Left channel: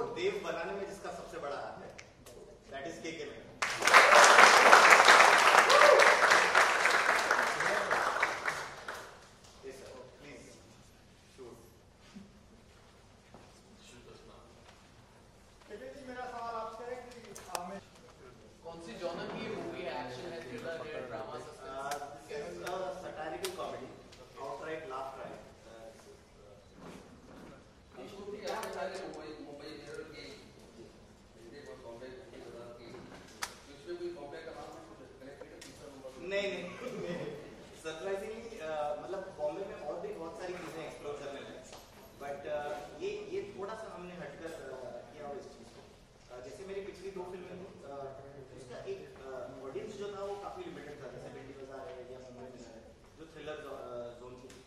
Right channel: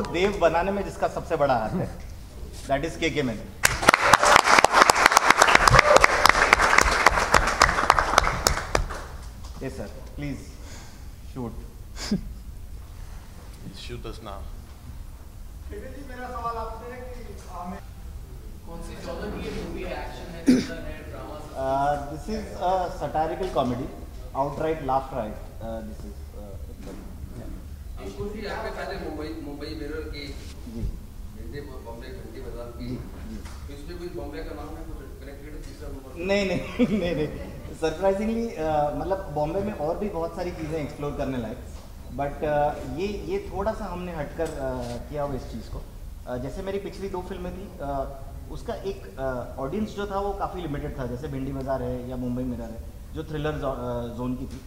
को देव बनाने में जिसका सबसे बड़ा हाथ है, that is key man. Yes sir, please shoot. Shoot us now. जी मेरा सवाल आपसे है कि कौन सी जॉनर की मूवी है? एक्शन है, थ्रिलर है, drama? This is a satirical comedy, outright laugh riot. This is कुछ भी आपके पहले मुंबई मिरर की जी हिंदी बॉम्बे घंटी बाजार की, तो इसमें कोई बॉम्बे का नाम है, कुछ कनेक्टेड तीसरा नंबर? नहीं सरप्राइजिंगली मतलब बॉम्बे में और भी बहुत सारी चीज़ें एक्सप्लोर करने लायक, बट ये थोड़ा सा हमने हटकर किया हुआ इस चीज़ को। जैसे मेरी पिछली 2 फिल्में थी, उसका एक ऑडियंस जो था वो काफ़ी लिमिटेड था, जैसे भिंडी बाजार है या मुंबई मिरर है जो थ्रिलर जोन की थी।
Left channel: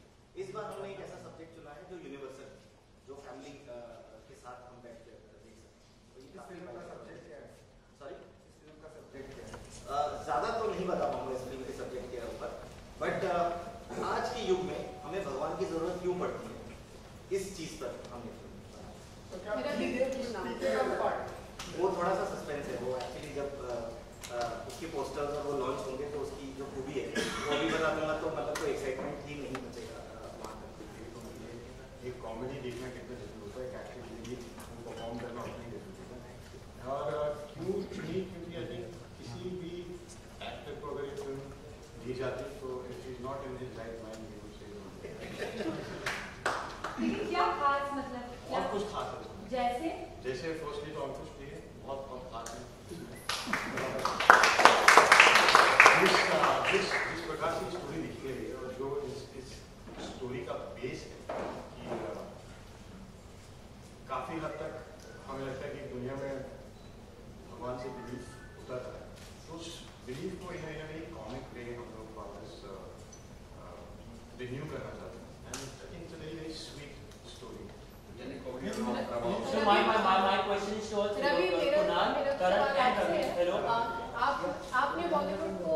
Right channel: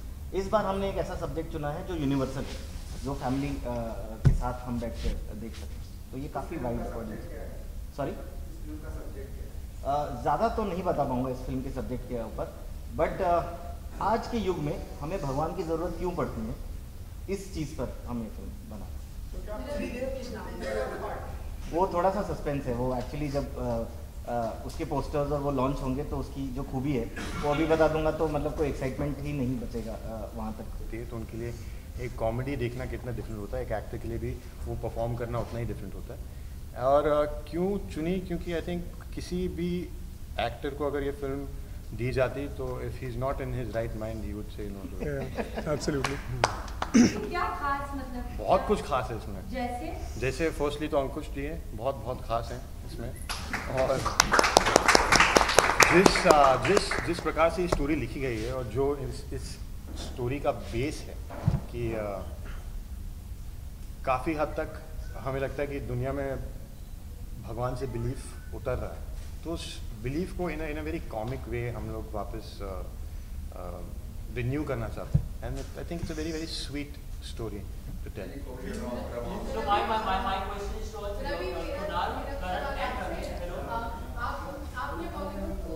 इस बार हमने एक ऐसा सब्जेक्ट चुना है जो यूनिवर्सल है, जो फैमिली के साथ हम बैठ कर देख सकते हैं, तो ये काफ़ी वाइड ऑडियंस। सॉरी, ज़्यादा तो नहीं बता पाऊँगा इस फिल्म के सब्जेक्ट के ऊपर, बट आज के युग में हमें भगवान की ज़रूरत क्यों पड़ती है, इस चीज़ पर हम एक फिल्म बनाए। वो थोड़ा सा सस्पेंस है, वो एक्चुअली जब उसके पोस्टर्स और वो लॉन्च होंगे तो उसकी जो खूबी है वो अभी बता दूंगा तो मतलब कोई एक्साइटमेंट ही नहीं बचेगा वहाँ तक। तो उनके लिए एक कॉमेडी देखना कितना डिफरेंट होता है, एक एक्टर के लिए भी वो परफॉर्म करना उतना ही डिफरेंट होता है। और क्यों चुनी, क्योंकि आई थिंक किसी भी एक्टर को अगर ये फिल्म दी जाती तो if he is not in his right mind he would say no. Absolutely. क्या खास मतलब? बहुत कुछ खास है इसमें। जैसे फर्स्टली तो अंकुश जी हैं, बहुत खास हैं इसमें। और जिस प्रकार से स्टोरी लिखी गई है और जो इस स्टोरी का बेस है कि काफ़ी हद तक हमें लगता है कि दुनिया में भगवान से बिलीफ उतर रहा है, तो उस बिलीफ को इन अ वेरी कॉमिक वे हम लोग वापस रिन्यू करना चाहते हैं। And I think it's a very sweet story to tell. So my question is towards Kunal, Karan and Ravi. Hello. आपने बॉलीवुड को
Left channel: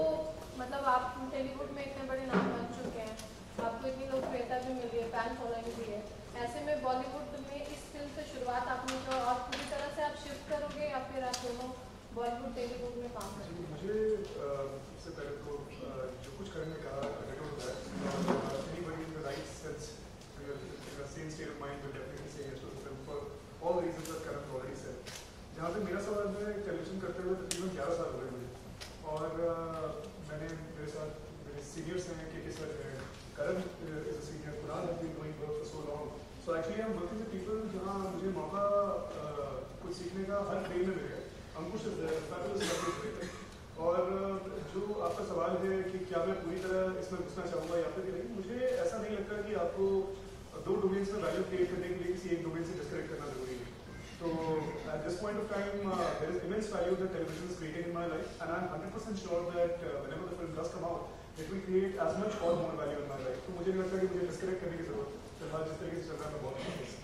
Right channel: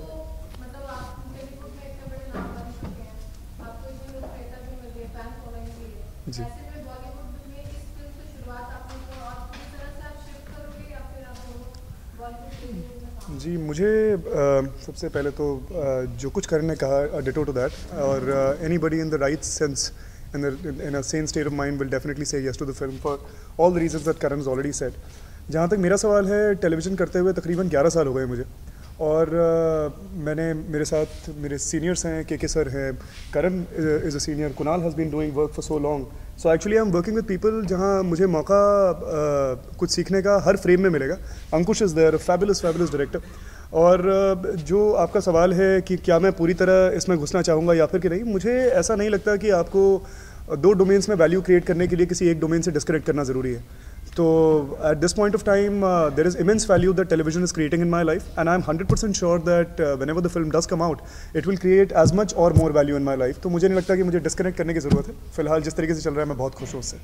मतलब आप टेलीवुड में इतने बड़े नाम बन चुके हैं, आपको इतनी लोकप्रियता भी मिली है, फैन फॉलोइंग भी है, ऐसे में बॉलीवुड में इस फिल्म से शुरुआत आपने तो और पूरी तरह से आप शिफ्ट करोगे या फिर आप दोनों बॉलीवुड टेलीवुड में काम? जी मुझे सबसे पहले तो जो कुछ करण ने कहा डिटो टू दैट, और anybody in the right sense in a sane state of mind will definitely say yes to the film for all the reasons that Karan has already said. जहाँ तक मेरा सवाल है, टेलीविज़न करते हुए तकरीबन 11 साल हो गए मुझे, और मेरे साथ मेरे सीनियर्स हैं, के सर हैं, Karan is a senior, Kunal has been doing work for so long, so actually I am working with people जहाँ मुझे मौका कुछ सीखने का हर फ्रेम में मिलेगा। अंकुश इज़ देयर, फैबुलस डायरेक्टर। और जो आपका सवाल है कि क्या मैं पूरी तरह इसमें घुसना चाहूँगा या फिर कि नहीं, मुझे ऐसा नहीं लगता कि आपको 2 डोमेन्स में वैल्यू क्रिएट करने के लिए किसी एक डोमेन से डिस्कनेक्ट करना ज़रूरी है। तो at this point of time there is immense value that television is creating in my life, and I am 100% sure that whenever the film does come out it will create as much और more value in my life. तो मुझे नहीं लगता कि मुझे disconnect करने की ज़रूरत है। फिलहाल जिस तरीके से चल रहा है मैं बहुत खुश हूँ उससे।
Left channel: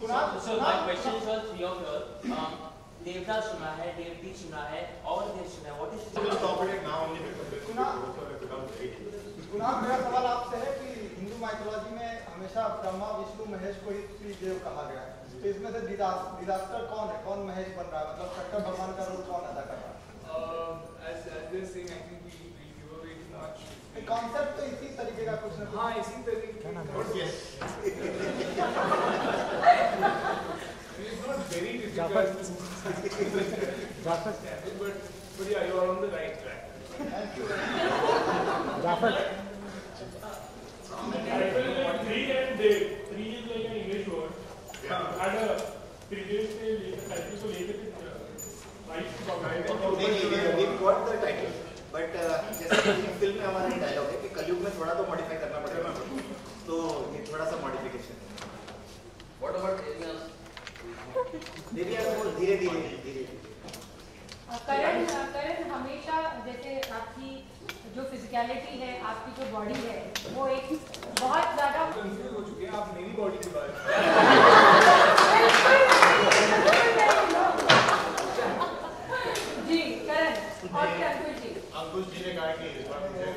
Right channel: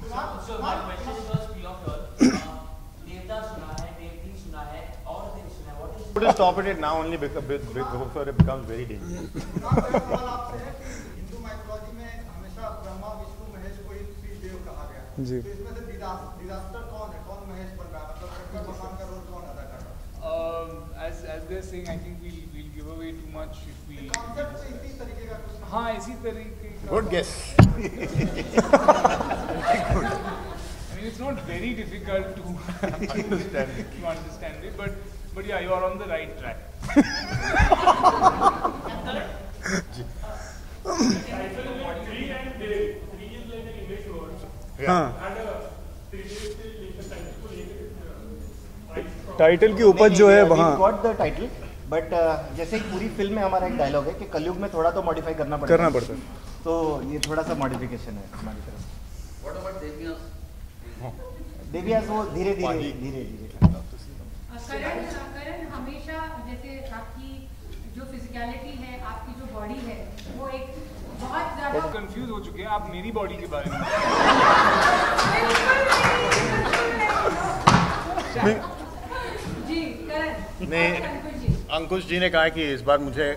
Just stop it now only before it becomes very dangerous. सवाल आपसे है कि हिंदू माइथोलॉजी में हमेशा ब्रह्मा विष्णु महेश को ही देव कहा गया है, तो इसमें से डिजास्टर कौन है, कौन महेश बन रहा है, मतलब शंकर भगवान का रोल कौन अदा कर रहा है? As they're saying, I think we'll give away too much if we. Concept तो इसी तरीके का कुछ ना। हाँ, इसी तरीके का। Good guess. It's not very difficult to understand it, but yeah, you are on the right track. Title की उपज जो है वहाँ गॉट द टाइटल, बट जैसे पूरी फिल्म में हमारा एक डायलॉग है कि कलयुग में थोड़ा तो मॉडिफाई करना पड़ता है, तो ये थोड़ा सा मॉडिफिकेशन है। What about देवियास वो धीरे धीरे करण हमेशा जैसे आपकी जो फिजिकलिटी है, आपकी जो बॉडी है, वो एक बहुत ज़्यादा कंफ्यूज हो चुके हैं आप मेरी बॉडी के बारे में। जी करण, अंकुश जी ने कहा कि इस बार मुझे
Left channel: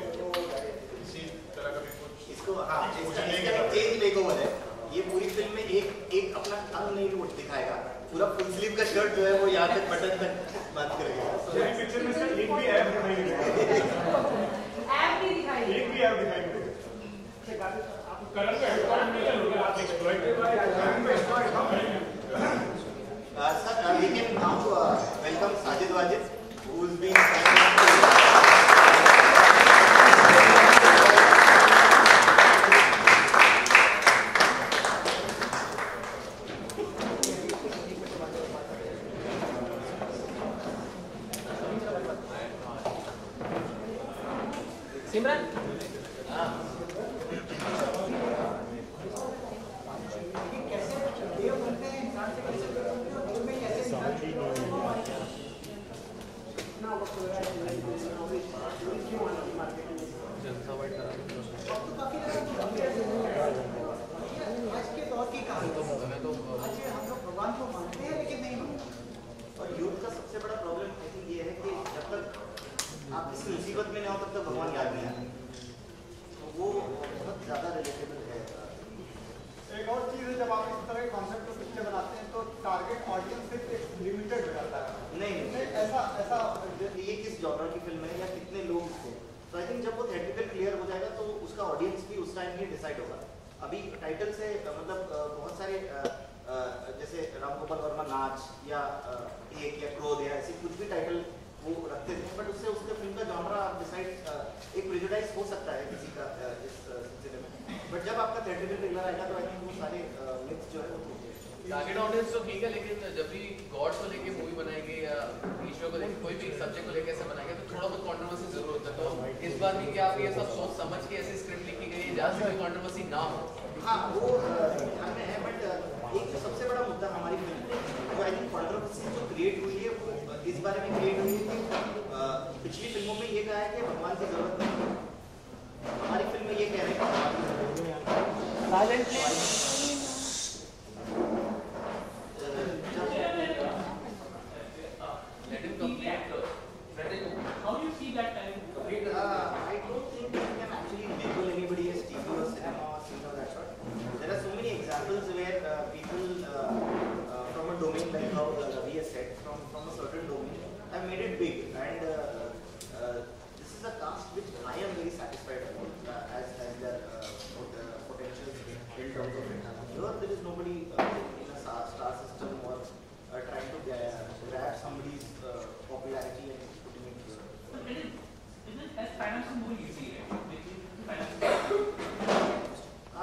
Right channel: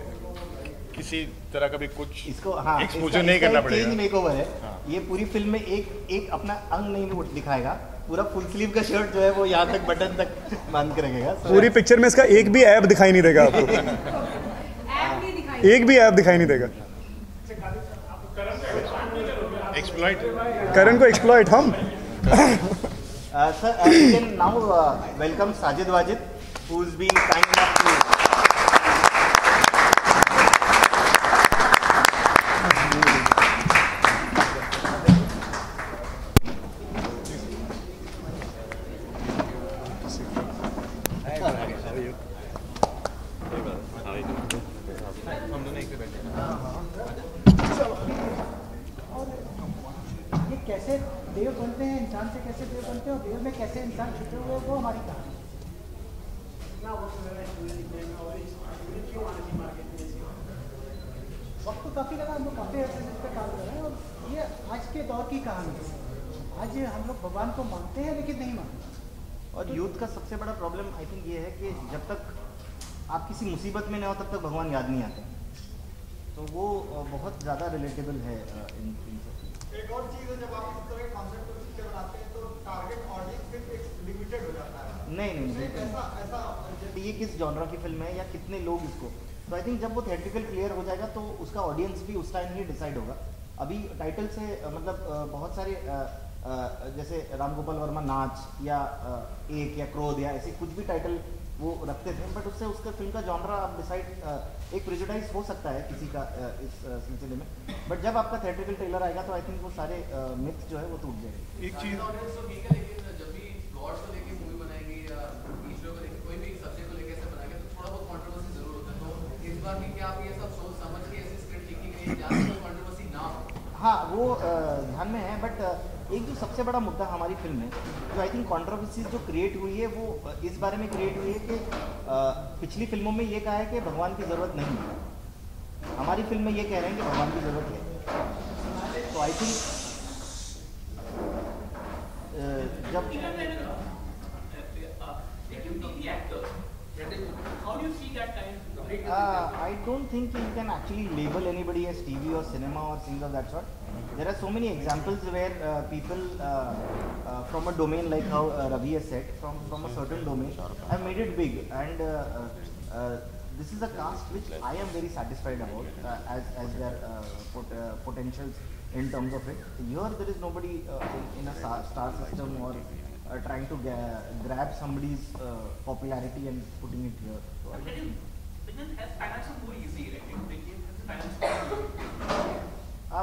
किसी तरह का भी कुछ इसको एक्सपोजर नहीं करना पड़ेगा। मेकओवर है, ये पूरी फिल्म में एक अपना अंग नहीं दिखाएगा, पूरा फुल स्लीव का शर्ट जो है वो यहाँ तक बटन तक बांध के रखेगा। पूरी पिक्चर में इसका एक भी ऐप दिखाई नहीं देगा आपको, एक भी ऐप दिखाई नहीं देगा। करण को एक्सप्लॉइट हम Sir, we can now welcome Sajid Wajid, who is being kind enough to. और यूथ का सबसे बड़ा प्रॉब्लम आई थिंक ये है कि जब तक आप किसी मुसीबत में ना हो तब तक भगवान याद नहीं आता, तो वो बहुत ज़्यादा रिलेटेबल है। एक और चीज़ है, जब आप इस तरह के कॉन्सेप्ट को पिक्चर बनाते हैं तो टारगेट ऑडियंस सिर्फ लिमिटेड हो जाता है। नहीं ऐसा ये किस जॉनर की फिल्म है या कितने लोग इसको, तो आई थिंक जब वो थिएट्रिकल क्लियर हो जाएगा तो उसका ऑडियंस भी उस टाइम ही डिसाइड होगा। अभी टाइटल से मतलब बहुत सारे जैसे राम गोपाल वर्मा नाच या एक या क्रोध या ऐसे कुछ भी टाइटल वो रखते थे, बट उससे उसका फिल्म का जॉनर आप डिसाइड एक प्रेजुडाइज हो सकता है किसी का इस सिलसिले में, बट जब आपका थिएट्रिकल ट्रेलर आएगा तो आई थिंक वो सारे मिथ जो है वो टूट जाएंगे। ऑडियंस तो ठीक है, लेकिन जब भी गॉड्स को लेके मूवी बनाएंगे या ईश्वर को लेके कोई भी सब्जेक्ट को लेके ऐसे बनाएंगे तो थोड़ा बहुत कंट्रोवर्सी जरूर होता है। तो इस बार भी क्या आप ये सब सोच समझ के ऐसी स्क्रिप्ट लिखी गई है जहाँ कोई कंट्रोवर्सी ना हो? हाँ, वो ध्यान में है, बट एक सबसे बड़ा मुद्दा हमारी फिल्म में जो आई थिंक कंट्रोवर्सी जो क्रिएट हुई है वो इस बारे में क्रिएट हुई है कि पिछली फिल्मों में ये कहा है कि भगवान की जरूरत नहीं है, हमारी फिल्म में ये कह रहे हैं कि भगवान की जरूरत नहीं है। तो I think I don't think you can actually label anybody as TV or cinema or things of that sort. There are so many examples where people from a domain like how Ravi has said, from a certain domain have made it big, and this is a cast which I am very satisfied about as their potentials in terms of it. Here there is nobody in a star system or trying to grab somebody's popularity and putting it here. As financing more easy,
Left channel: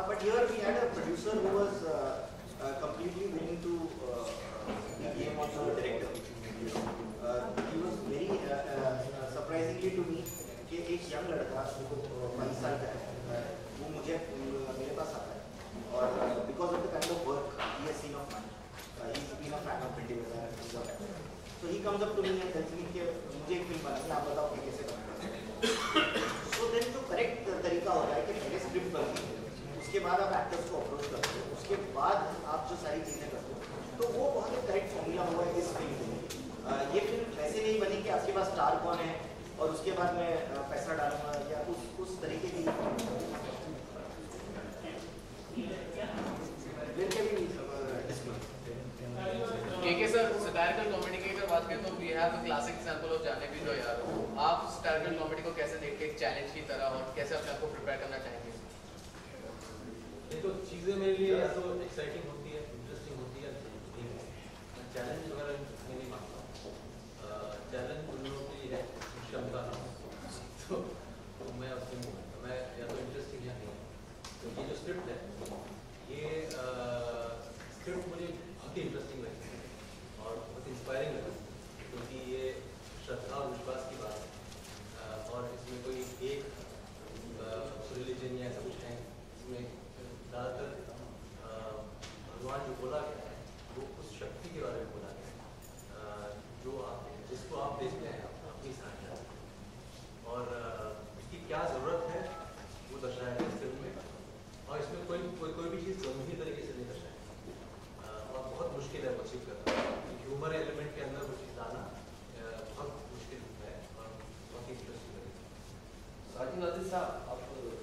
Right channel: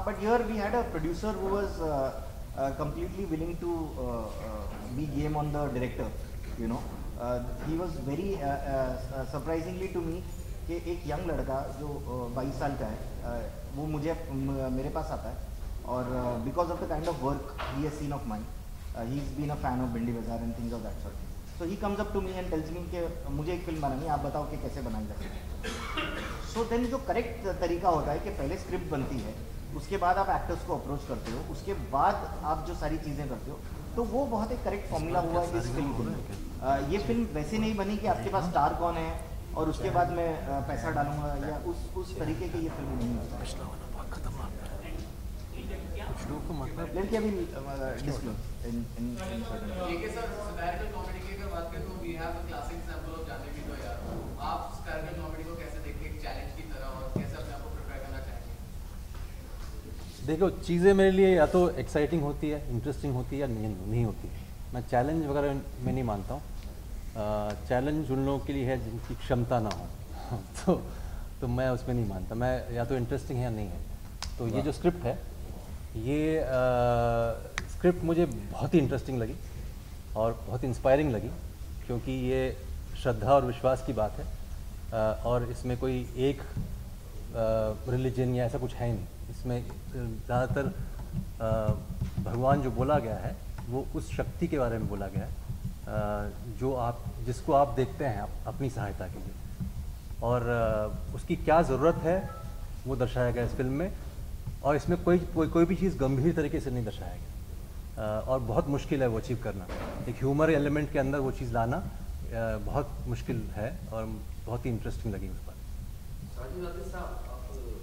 but here we had a producer who was completely willing to be game on the director. You know, he was very surprisingly to me कि एक young लड़का जो 22 साल का है वो मेरे पास आता है और because of the kind of work he has seen of mine, he's been a fan of Bindi Bazaar and things of that sort. So he comes up to me and tells me कि मुझे एक film बनानी है, आप बताओ कि कैसे बनाएंगे। So then जो करेक्ट तरीका होता है कि पहले स्क्रिप्ट बनती है, उसके बाद आप एक्टर्स को अप्रोच करते हो, उसके बाद आप जो सारी चीज़ें करते हो, तो वो बहुत एक करेक्ट फॉर्मूला हुआ इस फिल्म के। ये फिल्म वैसे नहीं बनी कि आपके पास स्टार कौन है और उसके बाद मैं पैसा डालूंगा या उस तरीके की ये फिल्म नहीं है। सर सटायरिकल कॉमेडी की अगर बात करें तो we have a classic example of Jaane Bhi दो यार, आप सटायरिकल कॉमेडी को कैसे देखते हैं एक चैलेंज की तरह और कैसे अपने आप को प्रिपेयर करना चाहेंगे? देखो, चीज़ें मेरे लिए या तो एक्साइटिंग होती है, इंटरेस्टिंग होती है या नहीं होती। मैं चैलेंज वगैरह में नहीं मानता हूँ। चैलेंज उन लोगों के लिए है जिनकी क्षमता ना हो तो मैं उसमें नहीं मानता। मैं या तो इंटरेस्टिंग है या नहीं है। तो ये जो स्क्रिप्ट है, ये स्क्रिप्ट मुझे बहुत ही इंटरेस्टिंग लगी और बहुत इंस्पायरिंग लगी, क्योंकि ये श्रद्धा और विश्वास की बात है और इसमें कोई एक रिलीजन या ऐसा कुछ है नहीं। इसमें ज़्यादातर भगवान जो बोला गया है वो उस शक्ति के बारे में बोला गया है जो जिसको आप देखते हैं अपनी सहायता के लिए, और उसकी क्या ज़रूरत है वो दर्शाया गया इस फिल्म में। और इसमें कोई भी चीज़ गंभीर तरीके से नहीं दर्शाया गया और बहुत मुश्किल है वो अचीव करना। एक ह्यूमर एलिमेंट के अंदर वो चीज़ लाना बहुत मुश्किल है और बहुत ही इंटरेस्टिंग लगी उस पर। साहब, आप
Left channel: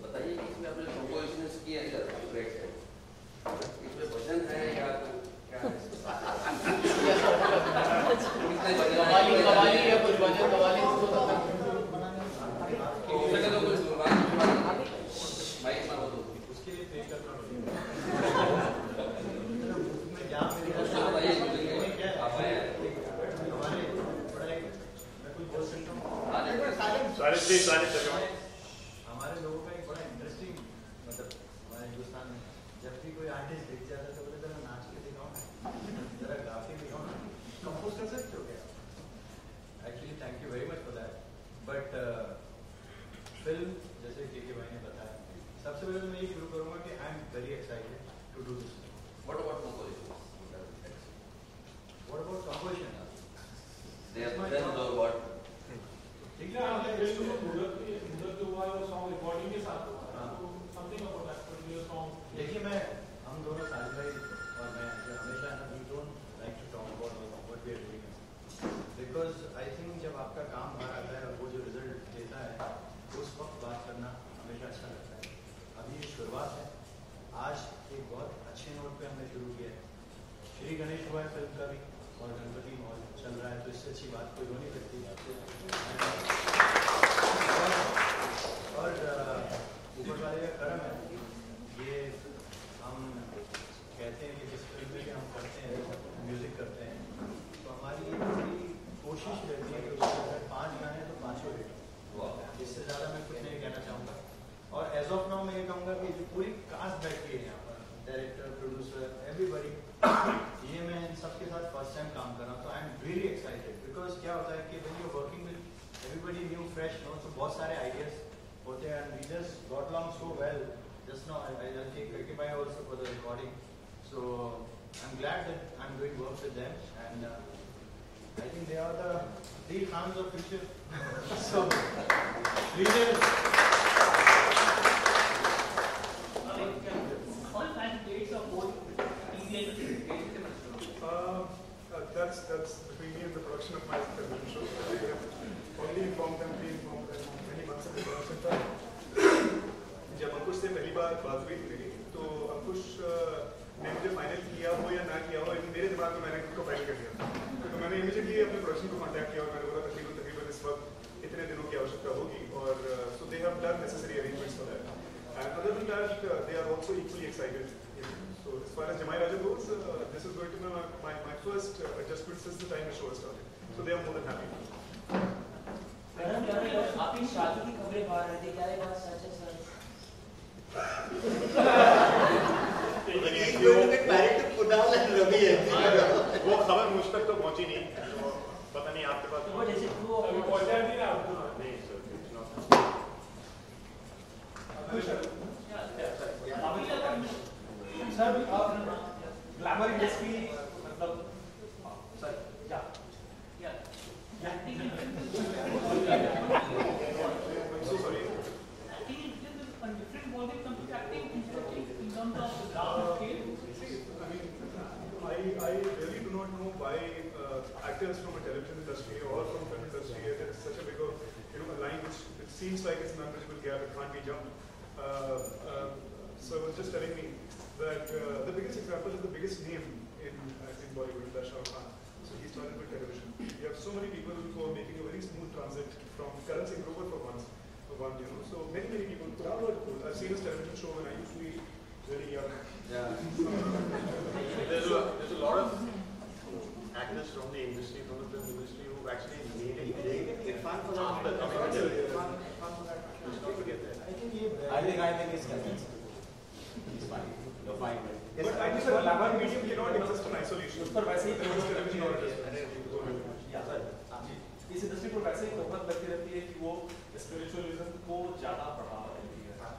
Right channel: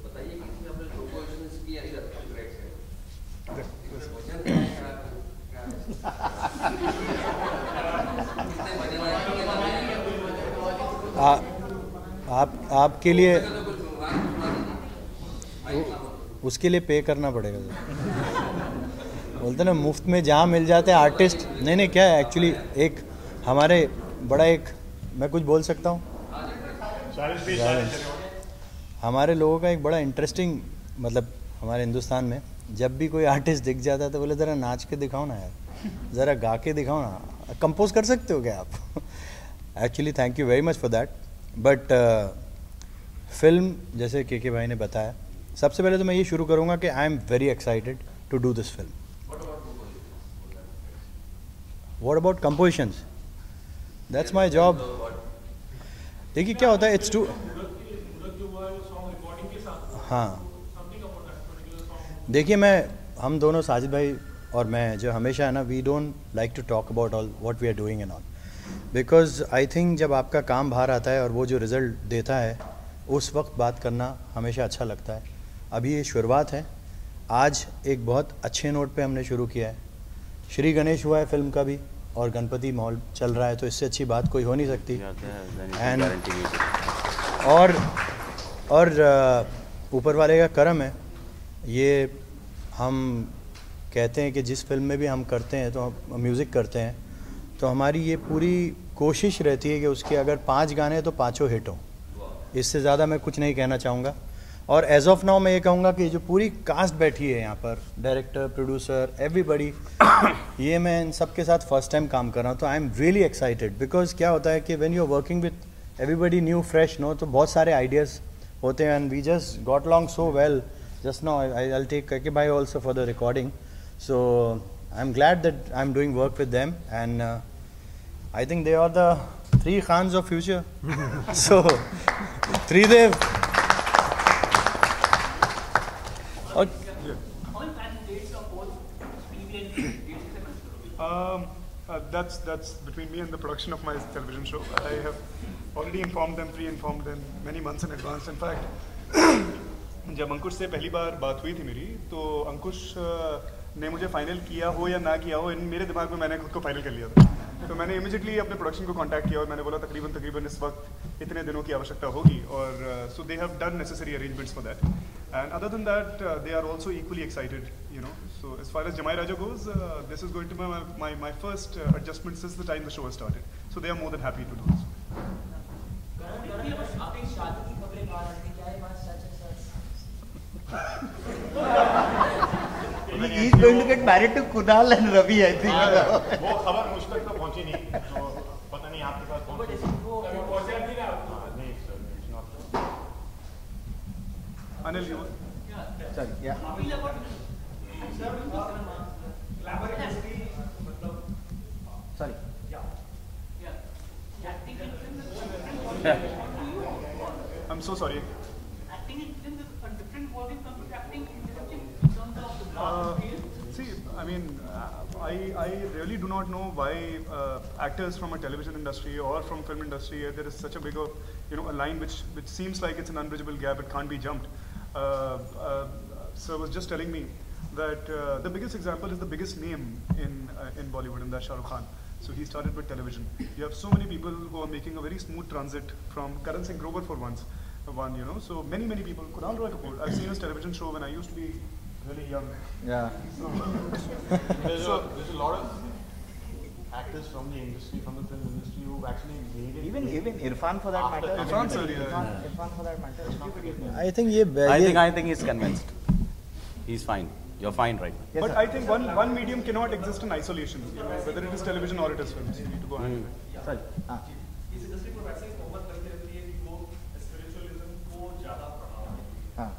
बताइए कि आपने प्रोपोजिशंस किया है आपके लिए उसके लिए पे करना पड़ेगा। बोलते ना मुफ्त में जहाँ मिल जाते हैं आर्टिस्ट। नहीं क्या है एक्चुअली एक हमारे बड़ा एक मैं कुछ बोल सकता हूँ। हमारे लोगों का एक बड़ा इंटरेस्टिंग मतलब हमारे हिंदुस्तान में जब भी कोई आर्टिस्ट दिख जाता है तो बोले ज़रा नाच के दिखाओ ना यार, ज़रा गा के दिखाओ ना, कंपोज कर सकते हो क्या आप? Actually thank you very much for that. But film जैसे के भाई ने बताया, सबसे पहले तो मैं ये शुरू करूँगा कि I am very excited to do this film. What about compositions? That's my job. देखिए क्या होता है, इट्स टू हाँ देखिए हम दोनों साजिद भाई और मैं जो हमेशा है ना, we don't like to talk about all what we are doing and all, because I think जब आपका काम बाहर आता है और वो जो रिज़ल्ट देता है उस वक्त बात करना हमेशा अच्छा लगता है। अभी ये शुरुआत है, आज एक बहुत अच्छे नोट पे हमने शुरू किया है। श्री गणेश हुआ है फिल्म का भी और गणपति मॉल चल रहा है, तो इससे अच्छी बात कोई हो नहीं सकती। एंड और ऊपर वाले का करम है। ये हम कहते हैं कि जिस फिल्म में भी हम करते हैं तो हम म्यूज़िक करते हैं तो हमारी ये पूरी कोशिश रहती है कि उसके अगर 5 गाने हैं तो 5 हिट हों। इससे ज़्यादा मैं कुछ नहीं कहना चाहूँगा। और एज ऑफ नाउ मैं ये कहूँगा कि जो पूरी कास्ट बैठी है यहाँ पर, डायरेक्टर, प्रोड्यूसर, एवरीबडी, ये मैं इन सब के साथ फर्स्ट टाइम काम कर रहा हूँ, तो I am really excited. Because क्या होता है कि when you are working with everybody new fresh no, तो बहुत सारे आइडियाज़ होते हैं। And we just got along so well. Just now I'll take Kake Bhai also for the recording, so I'm glad that I'm doing work with them, and I think they are the 3 Khans of future. So Tridev. That's between me and the production of my television show. I have already pre-informed them many months in advance. In fact, जब अंकुश से पहली बार बात हुई थी मेरी, तो अंकुश ने मुझे फाइनल किया हो या ना किया हो, मेरे दिमाग में मैंने खुद को फाइनल कर लिया था। तो मैंने इमीडिएटली अपने प्रोडक्शन को कांटेक्ट किया और मैंने बोला तकरीबन इस वक्त इतने दिनों की आवश्यकता होगी, और so they have done necessary arrangements for that. And other than that they are also equally excited, you know. So as far as Jamai Raja goes, this is going to be my first adjustment since the time the show started, so they are more than happy to do this. आपकी शादी की खबरें बाहर आ रही है, क्या सच है? He is going to get married to Kunal and Ravi, I think. वो खबर मुझ तक तो पहुंची नहीं, तो पता नहीं आपके पास पहुंचा नहीं ना? नहीं सर, अनिल सर, या सर ग्लैमर इंडस्ट्री मतलब sir I'm so sorry. See, I mean, I really do not know why actors from a television industry or from film industry there is such a big, a line which seems like it's an unbridgeable gap. It can't be jumped. So I was just telling me that the biggest example is the biggest name in Bollywood, and that's Shah Rukh Khan. So he started with television. You have so many people who are making a very smooth transit from Karan Singh Grover for once. So many people. Kunal Roy Kapoor, I've seen his television show when I used to be very young. Yeah. There's a lot of actors from the industry, from the film industry, who actually made it. Even Irfan for that matter. Irfan sir, yeah. Irfan for that matter. It's not forgiven. I think he's convinced. He's fine. You're fine, right? Yes, but I think one medium cannot exist in isolation, whether it is television or it is film. You need to go ahead. Sorry. इस industry को वैसे ही तोहमत करती रहती है कि वो spiritualism को ज़्यादा बढ़ावा देती है। हाँ।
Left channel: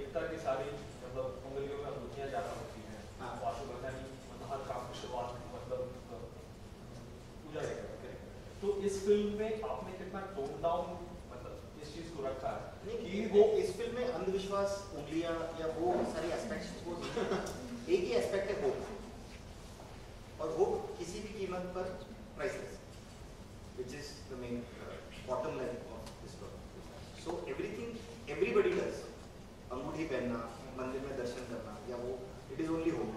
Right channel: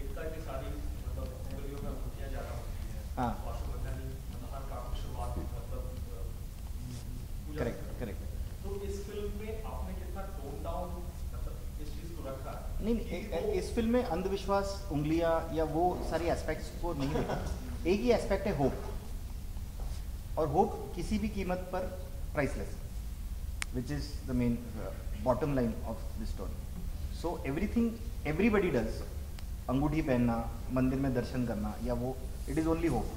एकता की सारी मतलब उंगलियों में अंगूठियाँ ज़्यादा होती हैं। हाँ। वाशुगंधनी मतलब हर काम की शुरुआत मतलब करेक्ट। तो इस फिल्म में आपने कितना टोन डाउन मतलब इस चीज़ को रखा है? नहीं, इस फिल्म में अंधविश्वास, उंगलियां या वो सारी एस्पेक्ट्स को नहीं है। एक ही एस्पेक्ट है होप, और होप किसी भी कीमत पर priceless, which is the main bottom line of this story. So everybody does. अंगूठी पहनना, मंदिर में दर्शन करना, या वो it is only hope.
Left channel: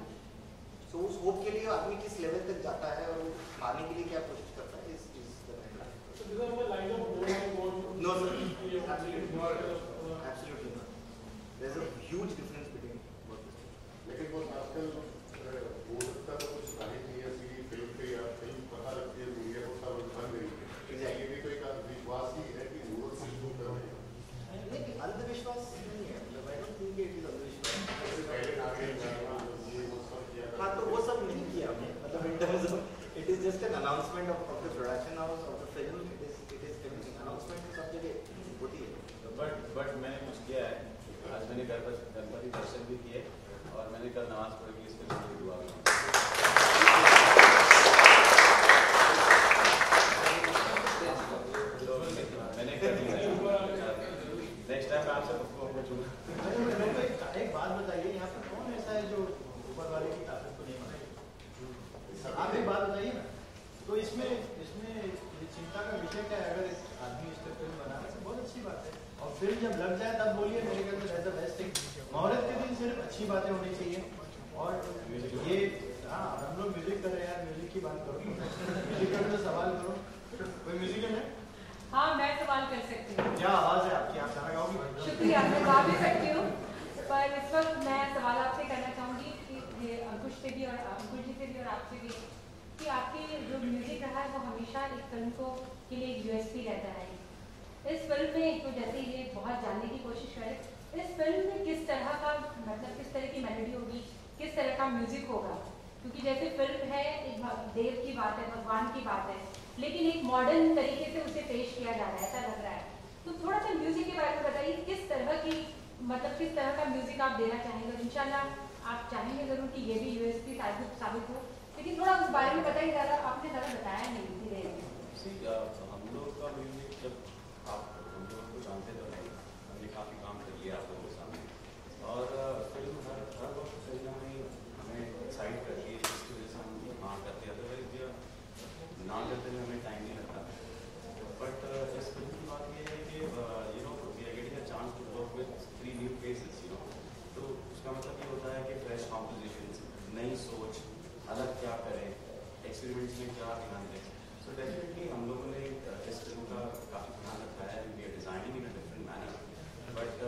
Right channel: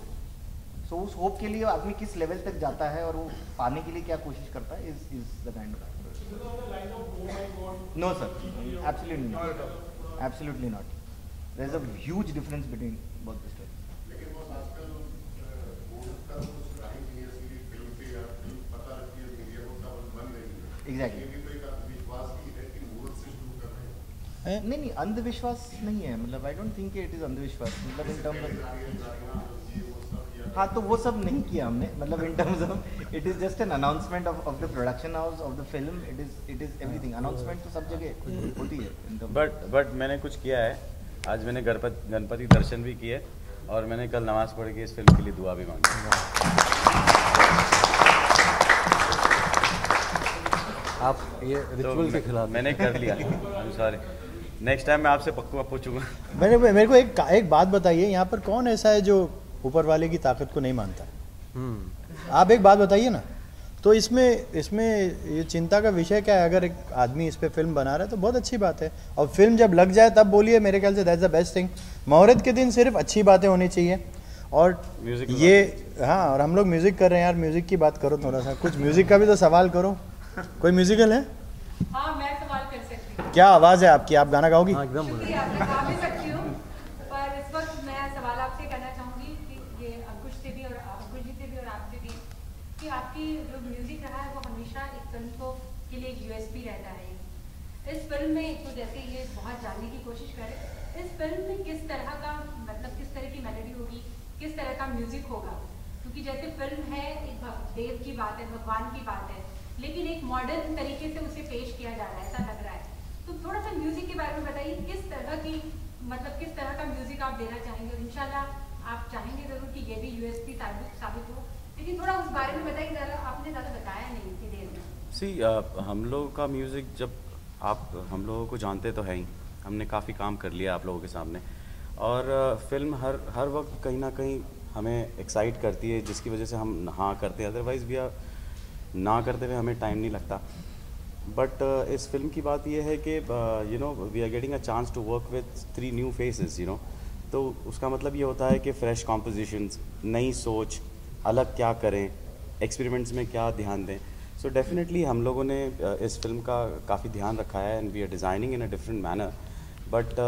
So उस होप के लिए आदमी किस लेवल तक जाता है और वो पाने के लिए क्या कोशिश करता है is the kind of. So this is the line of oh my God. No sir, absolutely Absolutely not. There's a huge difference between both the styles. लेकिन वो आजकल मूवी का तो कुछ गाड़ी नहीं है कि फिल्म के या फिल्म पता लगती है मीडिया को तब बन गई है। Exactly. ये भी तो एक विश्वास ही है कि मूवी से शुरू कर रहे हैं। नहीं अंधविश्वास नहीं है, मतलब आई डोंट थिंक इट इज अंधविश्वास, मतलब इन टर्म्स हाँ तो वो सब नहीं किया हमने, मतलब in terms of it is just an announcement of the production house of the film, it is everything, announcement तो सब जगह होती है। बट मैंने कुछ किया है, आज मैंने गणपति दर्शन भी किए और मैंने कल नमाज पढ़ के इस फिल्म के लिए दुआ भी मांगी। आप ये रिचुअल के खिलाफ मैंने कर लिया, सॉरी, नेक्स्ट टाइम मैं आपसे पक्का पूछूंगा। मेरे को एक बात बताइए, यहाँ पर कौन ऐसा है जो ऊपर वाले की ताकत को नहीं मानता? आप एक बात बताइए ना। तो इसमें ये चिंता का विषय क्या है? अगर एक आदमी इस पे फिल्म बना रहा है तो बहुत अच्छी बात है, और फिल्म जब लग जाए तब बोलिए, मेरे ख्याल से दैट्स द बेस्ट थिंग। मुहूर्त के दिन सिर्फ अच्छी बातें होनी चाहिए, और ये हाँ, और हम लोग म्यूजिक कर रहे हैं यार, म्यूजिक की बात करो थोड़ा सा, कुछ म्यूजिक का भी तो सवाल करो। कोई म्यूजिकल है? हाँ मैं सवाल कर सकती हूँ। क्या आवाज़ है आपकी, आप गाना गाओगी? शुक्रिया, मैं गा भी सकती हूँ, पर इस वक्त मैं सवाल आपसे करना चाहूँगी कि अंकुश जी से भी और आपसे भी, कि आपकी जो म्यूजिक रहा है वो हमेशा एक फिल्म के लिए यूएसपी रहता है। इस फिल्म में तो जैसे ये बहुत जानने की कोशिश करें, इस फिल्म में किस तरह का, मतलब किस तरह की मेलोडी होगी, किस तरह का म्यूजिक होगा, क्योंकि जैसे फिल्म है एक देव की बात है, भगवान की बात है, लेकिन एक मॉडर्न तरीके से उसे पेश किया जा रहा है, ऐसा लग रहा है। तो थोड़ा सा म्यूजिक के बारे में बताइए, किस तरह की, मतलब किस तरह का म्यूजिक आप देना चाहेंगे, और इंशाल्लाह आप चाहेंगे जरूर कि ये भी यूएसपी साबित हो, लेकिन थोड़ा उस बारे में बताइए, आपने ज़्यादा बताया नहीं इतनी देर में। हम लोगों का म्यूज़िक, जब आप हम लोगों को जानते तो है ही, हमने काफ़ी काम कर लिया आप लोगों के सामने, और फिल्म हर वक्त कहीं ना कहीं हमें एक्साइट करती है, जिसकी वजह से हम हाँ करते हैं, अदरवाइज़ भी ना करते हुए हमें टाइम नहीं लगता। बट इस फिल्म की बात यह है कि you know we are getting a chance to work with 3 new faces, you know, तो उसका मतलब ये होता है कि फ्रेश कॉम्पोजिशंस, नई सोच, अलग क्या करें, एक्सपेरिमेंट्स में क्या ध्यान दें। सो डेफिनेटली हम लोगों ने इस फिल्म का काफ़ी ध्यान रखा है, and we are designing in a different manner. But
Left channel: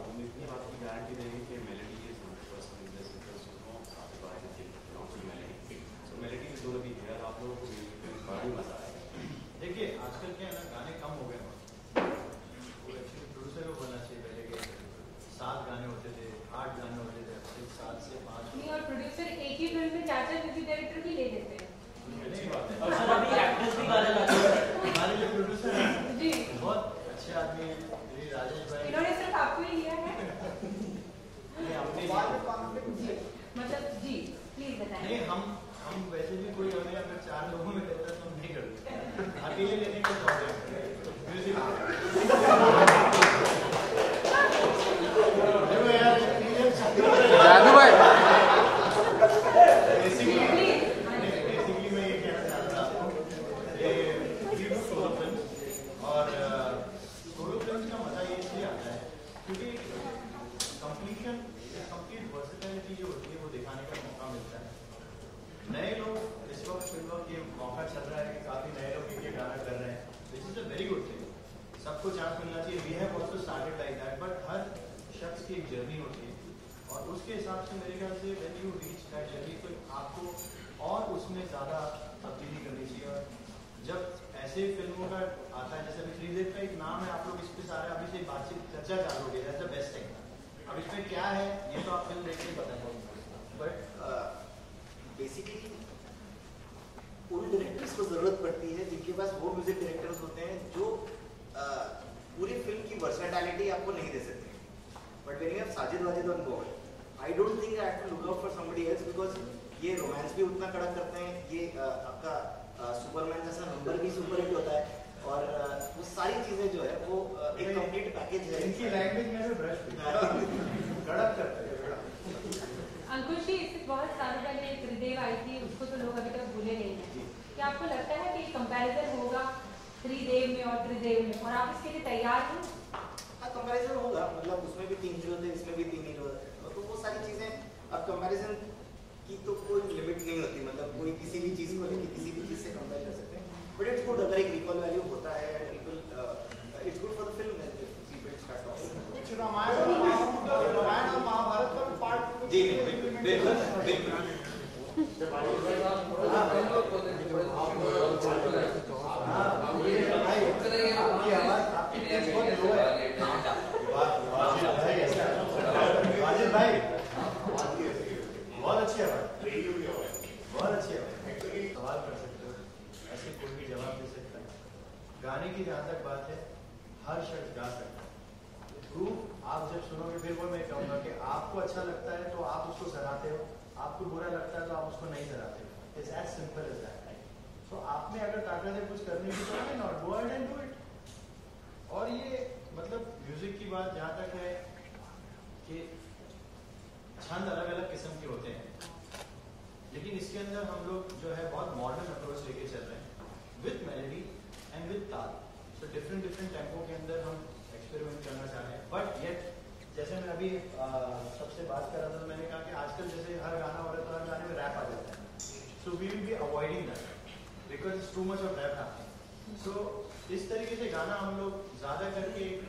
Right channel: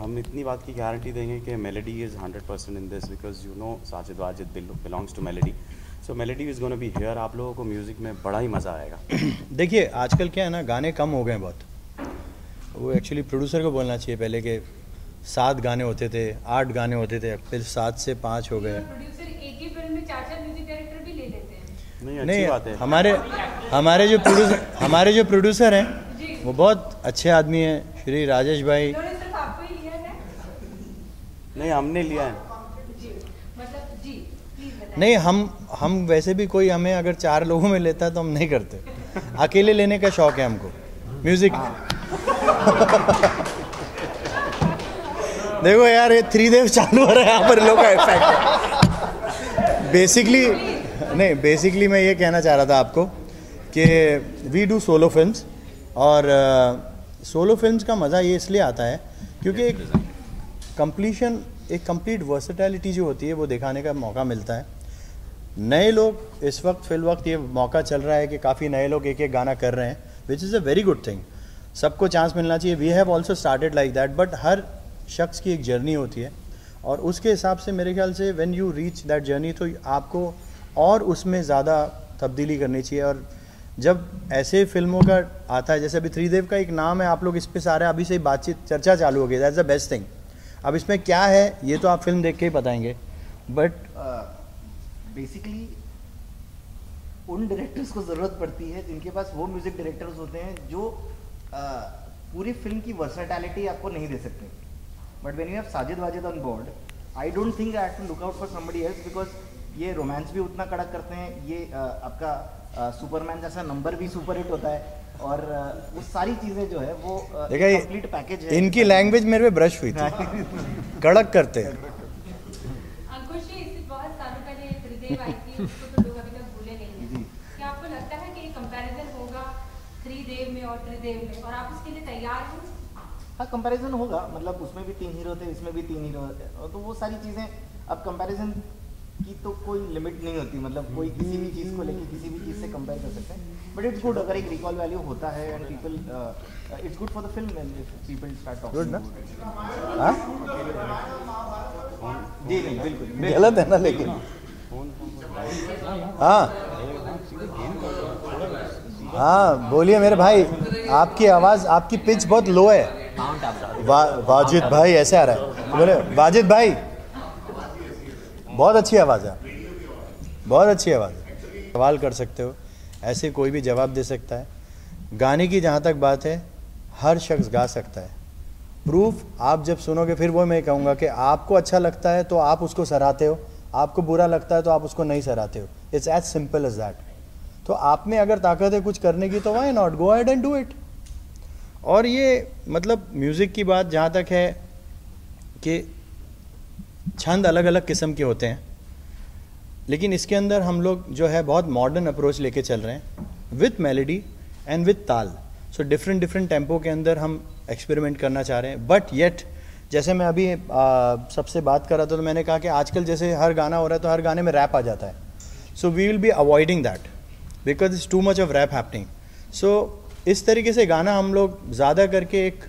हम इतनी बात की गारंटी देंगे कि melody is 100% in this, because you know Sajid Wajid belongs to melody, so melody is gonna be here. आप लोगों को म्यूज़िक में बड़ा ही मज़ा आएगा। देखिए आजकल क्या है ना, गाने कम हो गए बहुत, वो एक्चुअली प्रोड्यूसर को बोलना चाहिए पहले कि 7 गाने होते थे, 8 गाने होते थे, फिर 7 से 5 हो गए। प्रोड्यूसर एक ही फिल्म में 4 म्यूजिक डायरेक्टर भी ले देते हैं। नहीं, हमारे जो प्रोड्यूसर हैं वो बहुत अच्छे आदमी हैं, श्री राजेश भाई। आपको ही लिया है? नहीं, हमने लिया है। नहीं, हम वैसे भी कोई हमें अगर 4 लोगों में लेता है तो हम नहीं करते, अकेले लेने का शौक है हमको म्यूजिक। देखो यार, ये 3 देव चालू हो रहा है यहाँ पर लोग। बेसिकली मैं ये कहना चाह रहा था आपको कि वी डू सोलो फिल्म्स, और सोलो फिल्म्स का मज़ा ये इसलिए आता है क्योंकि एक कंप्लीट वर्सेटैलिटी जो होती है वो दिखाने का मौका मिलता है। नए लोग इस वक्त ये मौका चल रहा है कि काफ़ी नए लोग एक गाना कर रहे हैं, which is a very good thing. सबको चांस मिलना चाहिए। We have also started like that, but हर शख्स की एक जर्नी होती है, और उसके हिसाब से मेरे ख्याल से when you reach that journey तो आपको और उसमें ज़्यादा तब्दीली करनी चाहिए। और जब ऐसे फिल्मों का आता है, जैसे अभी 3 देव का एक नाम है, आप लोग इस पे सारे अभी से ही बातचीत चर्चा चालू हो गई, दैट्स द बेस्ट थिंग। अब इसमें क्या है ये तो आप फिल्म देख के ही बताएंगे, बट बेसिकली उन डायरेक्टर्स को ज़रूरत पड़ती है जिनके पास वो म्यूजिक डायरेक्टर्स होते हैं जो पूरी फिल्म की वर्सेटैलिटी आपको नहीं दे सकते। But when you have Sajid Wajid on board, I don't think I have to look out for somebody else, because ये रोमांस भी उतना कड़क करते हैं, ये आपका सुपरमैन जैसा नंबर भी सुपर हिट होता है, और वो सारी चीज़ें जो है वो कंप्लीट पैकेज है। इनकी लैंग्वेज मेरे पे ब्रश हुई थी, कड़क करते हैं। अंकुश जी, बहुत सालों पहले त्रिदेव आई थी, उसको तो लोग अभी तक भूले नहीं हैं। क्या आपको लगता है कि कंपैरिजन होगा त्रिदेव में और त्रिदेव में, और आप इसके लिए तैयार हैं? हाँ, कंपैरिजन होगा, मतलब उसमें भी 3 हीरो थे, इसमें भी 3 हीरो, तो वो सारी चीज़ें, अब कंपैरिजन की तो कोई लिमिट नहीं होती, मतलब कोई किसी भी चीज़ को लेके किसी भी चीज़ से कंपेयर कर सकते हैं। बट इट्स गुड अगर एक रिकॉल वैल्यू होता है and people it's good for the film when people start talking. Good ना? जी नहीं गलत है ना लेकिन हाँ बोलिए मेरे भाई, आपकी आवाज़, आपकी पिच बहुत लो है। वाजिद भाई ऐसे आ रहा है, बोले वाजिद भाई बहुत अच्छी आवाज़ है, बहुत अच्छी आवाज़ है। सवाल कर सकते हो, ऐसे कोई भी जवाब दे सकता है। गाने की जहाँ तक बात है, हर शख्स गा सकता है। प्रूफ आप जब सुनोगे, फिर वो मैं कहूँगा कि आपको अच्छा लगता है तो आप उसको सराहते हो, आपको बुरा लगता है तो आप उसको नहीं सराहते हो। It's as simple as that. तो आप में अगर ताकत है कुछ करने की तो why not, go ahead and do it. और ये मतलब म्यूज़िक की बात जहाँ तक है कि छंद अलग अलग किस्म के होते हैं, लेकिन इसके अंदर हम लोग जो है बहुत मॉडर्न अप्रोच लेके चल रहे हैं विथ मेलोडी एंड विथ ताल। सो डिफरेंट डिफरेंट टेम्पो के अंदर हम एक्सपेरिमेंट करना चाह रहे हैं। बट येट जैसे मैं अभी सबसे बात कर रहा था तो मैंने कहा कि आजकल जैसे हर गाना हो रहा है तो हर गाने में रैप आ जाता है। So we will be avoiding that because it's too much of rap happening. So इस तरीके से गाना हम लोग ज़्यादा करके एक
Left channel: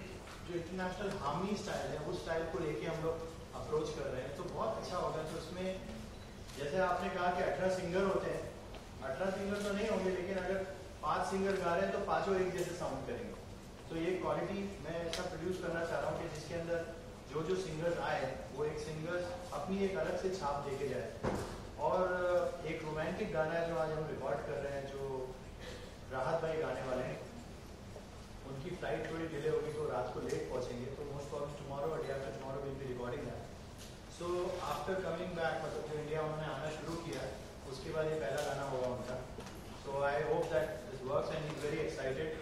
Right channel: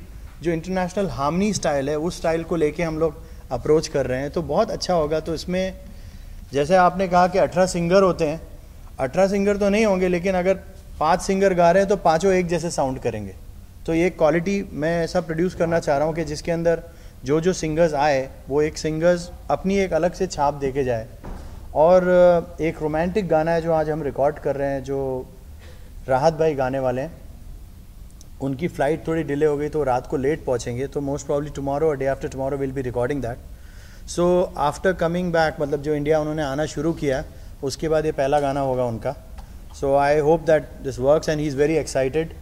जो इंटरनेशनल हार्मनी स्टाइल है उस स्टाइल को लेके हम लोग अप्रोच कर रहे हैं, तो बहुत अच्छा होगा। तो इसमें जैसे आपने कहा कि 18 सिंगर होते हैं, 18 सिंगर तो नहीं होंगे, लेकिन अगर 5 सिंगर गा रहे हैं तो पाँचों एक जैसे साउंड करेंगे। तो ये क्वालिटी मैं ऐसा प्रोड्यूस करना चाह रहा हूँ कि जिसके अंदर जो जो सिंगर्स आए वो एक सिंगर्स अपनी एक अलग से छाप देके जाए। और एक रोमांटिक गाना है जो आज हम रिकॉर्ड कर रहे हैं, जो राहत भाई गाने वाले हैं। उनकी फ़्लाइट थोड़ी डिले हो गई तो रात को लेट पहुँचेंगे, तो मोस्ट प्रॉब्ली टुमारो और day after tomorrow will be recording that. So after coming back, मतलब जो इंडिया उन्होंने आना शुरू किया उसके बाद ये पहला गाना होगा उनका। So I hope that this works and he is very excited.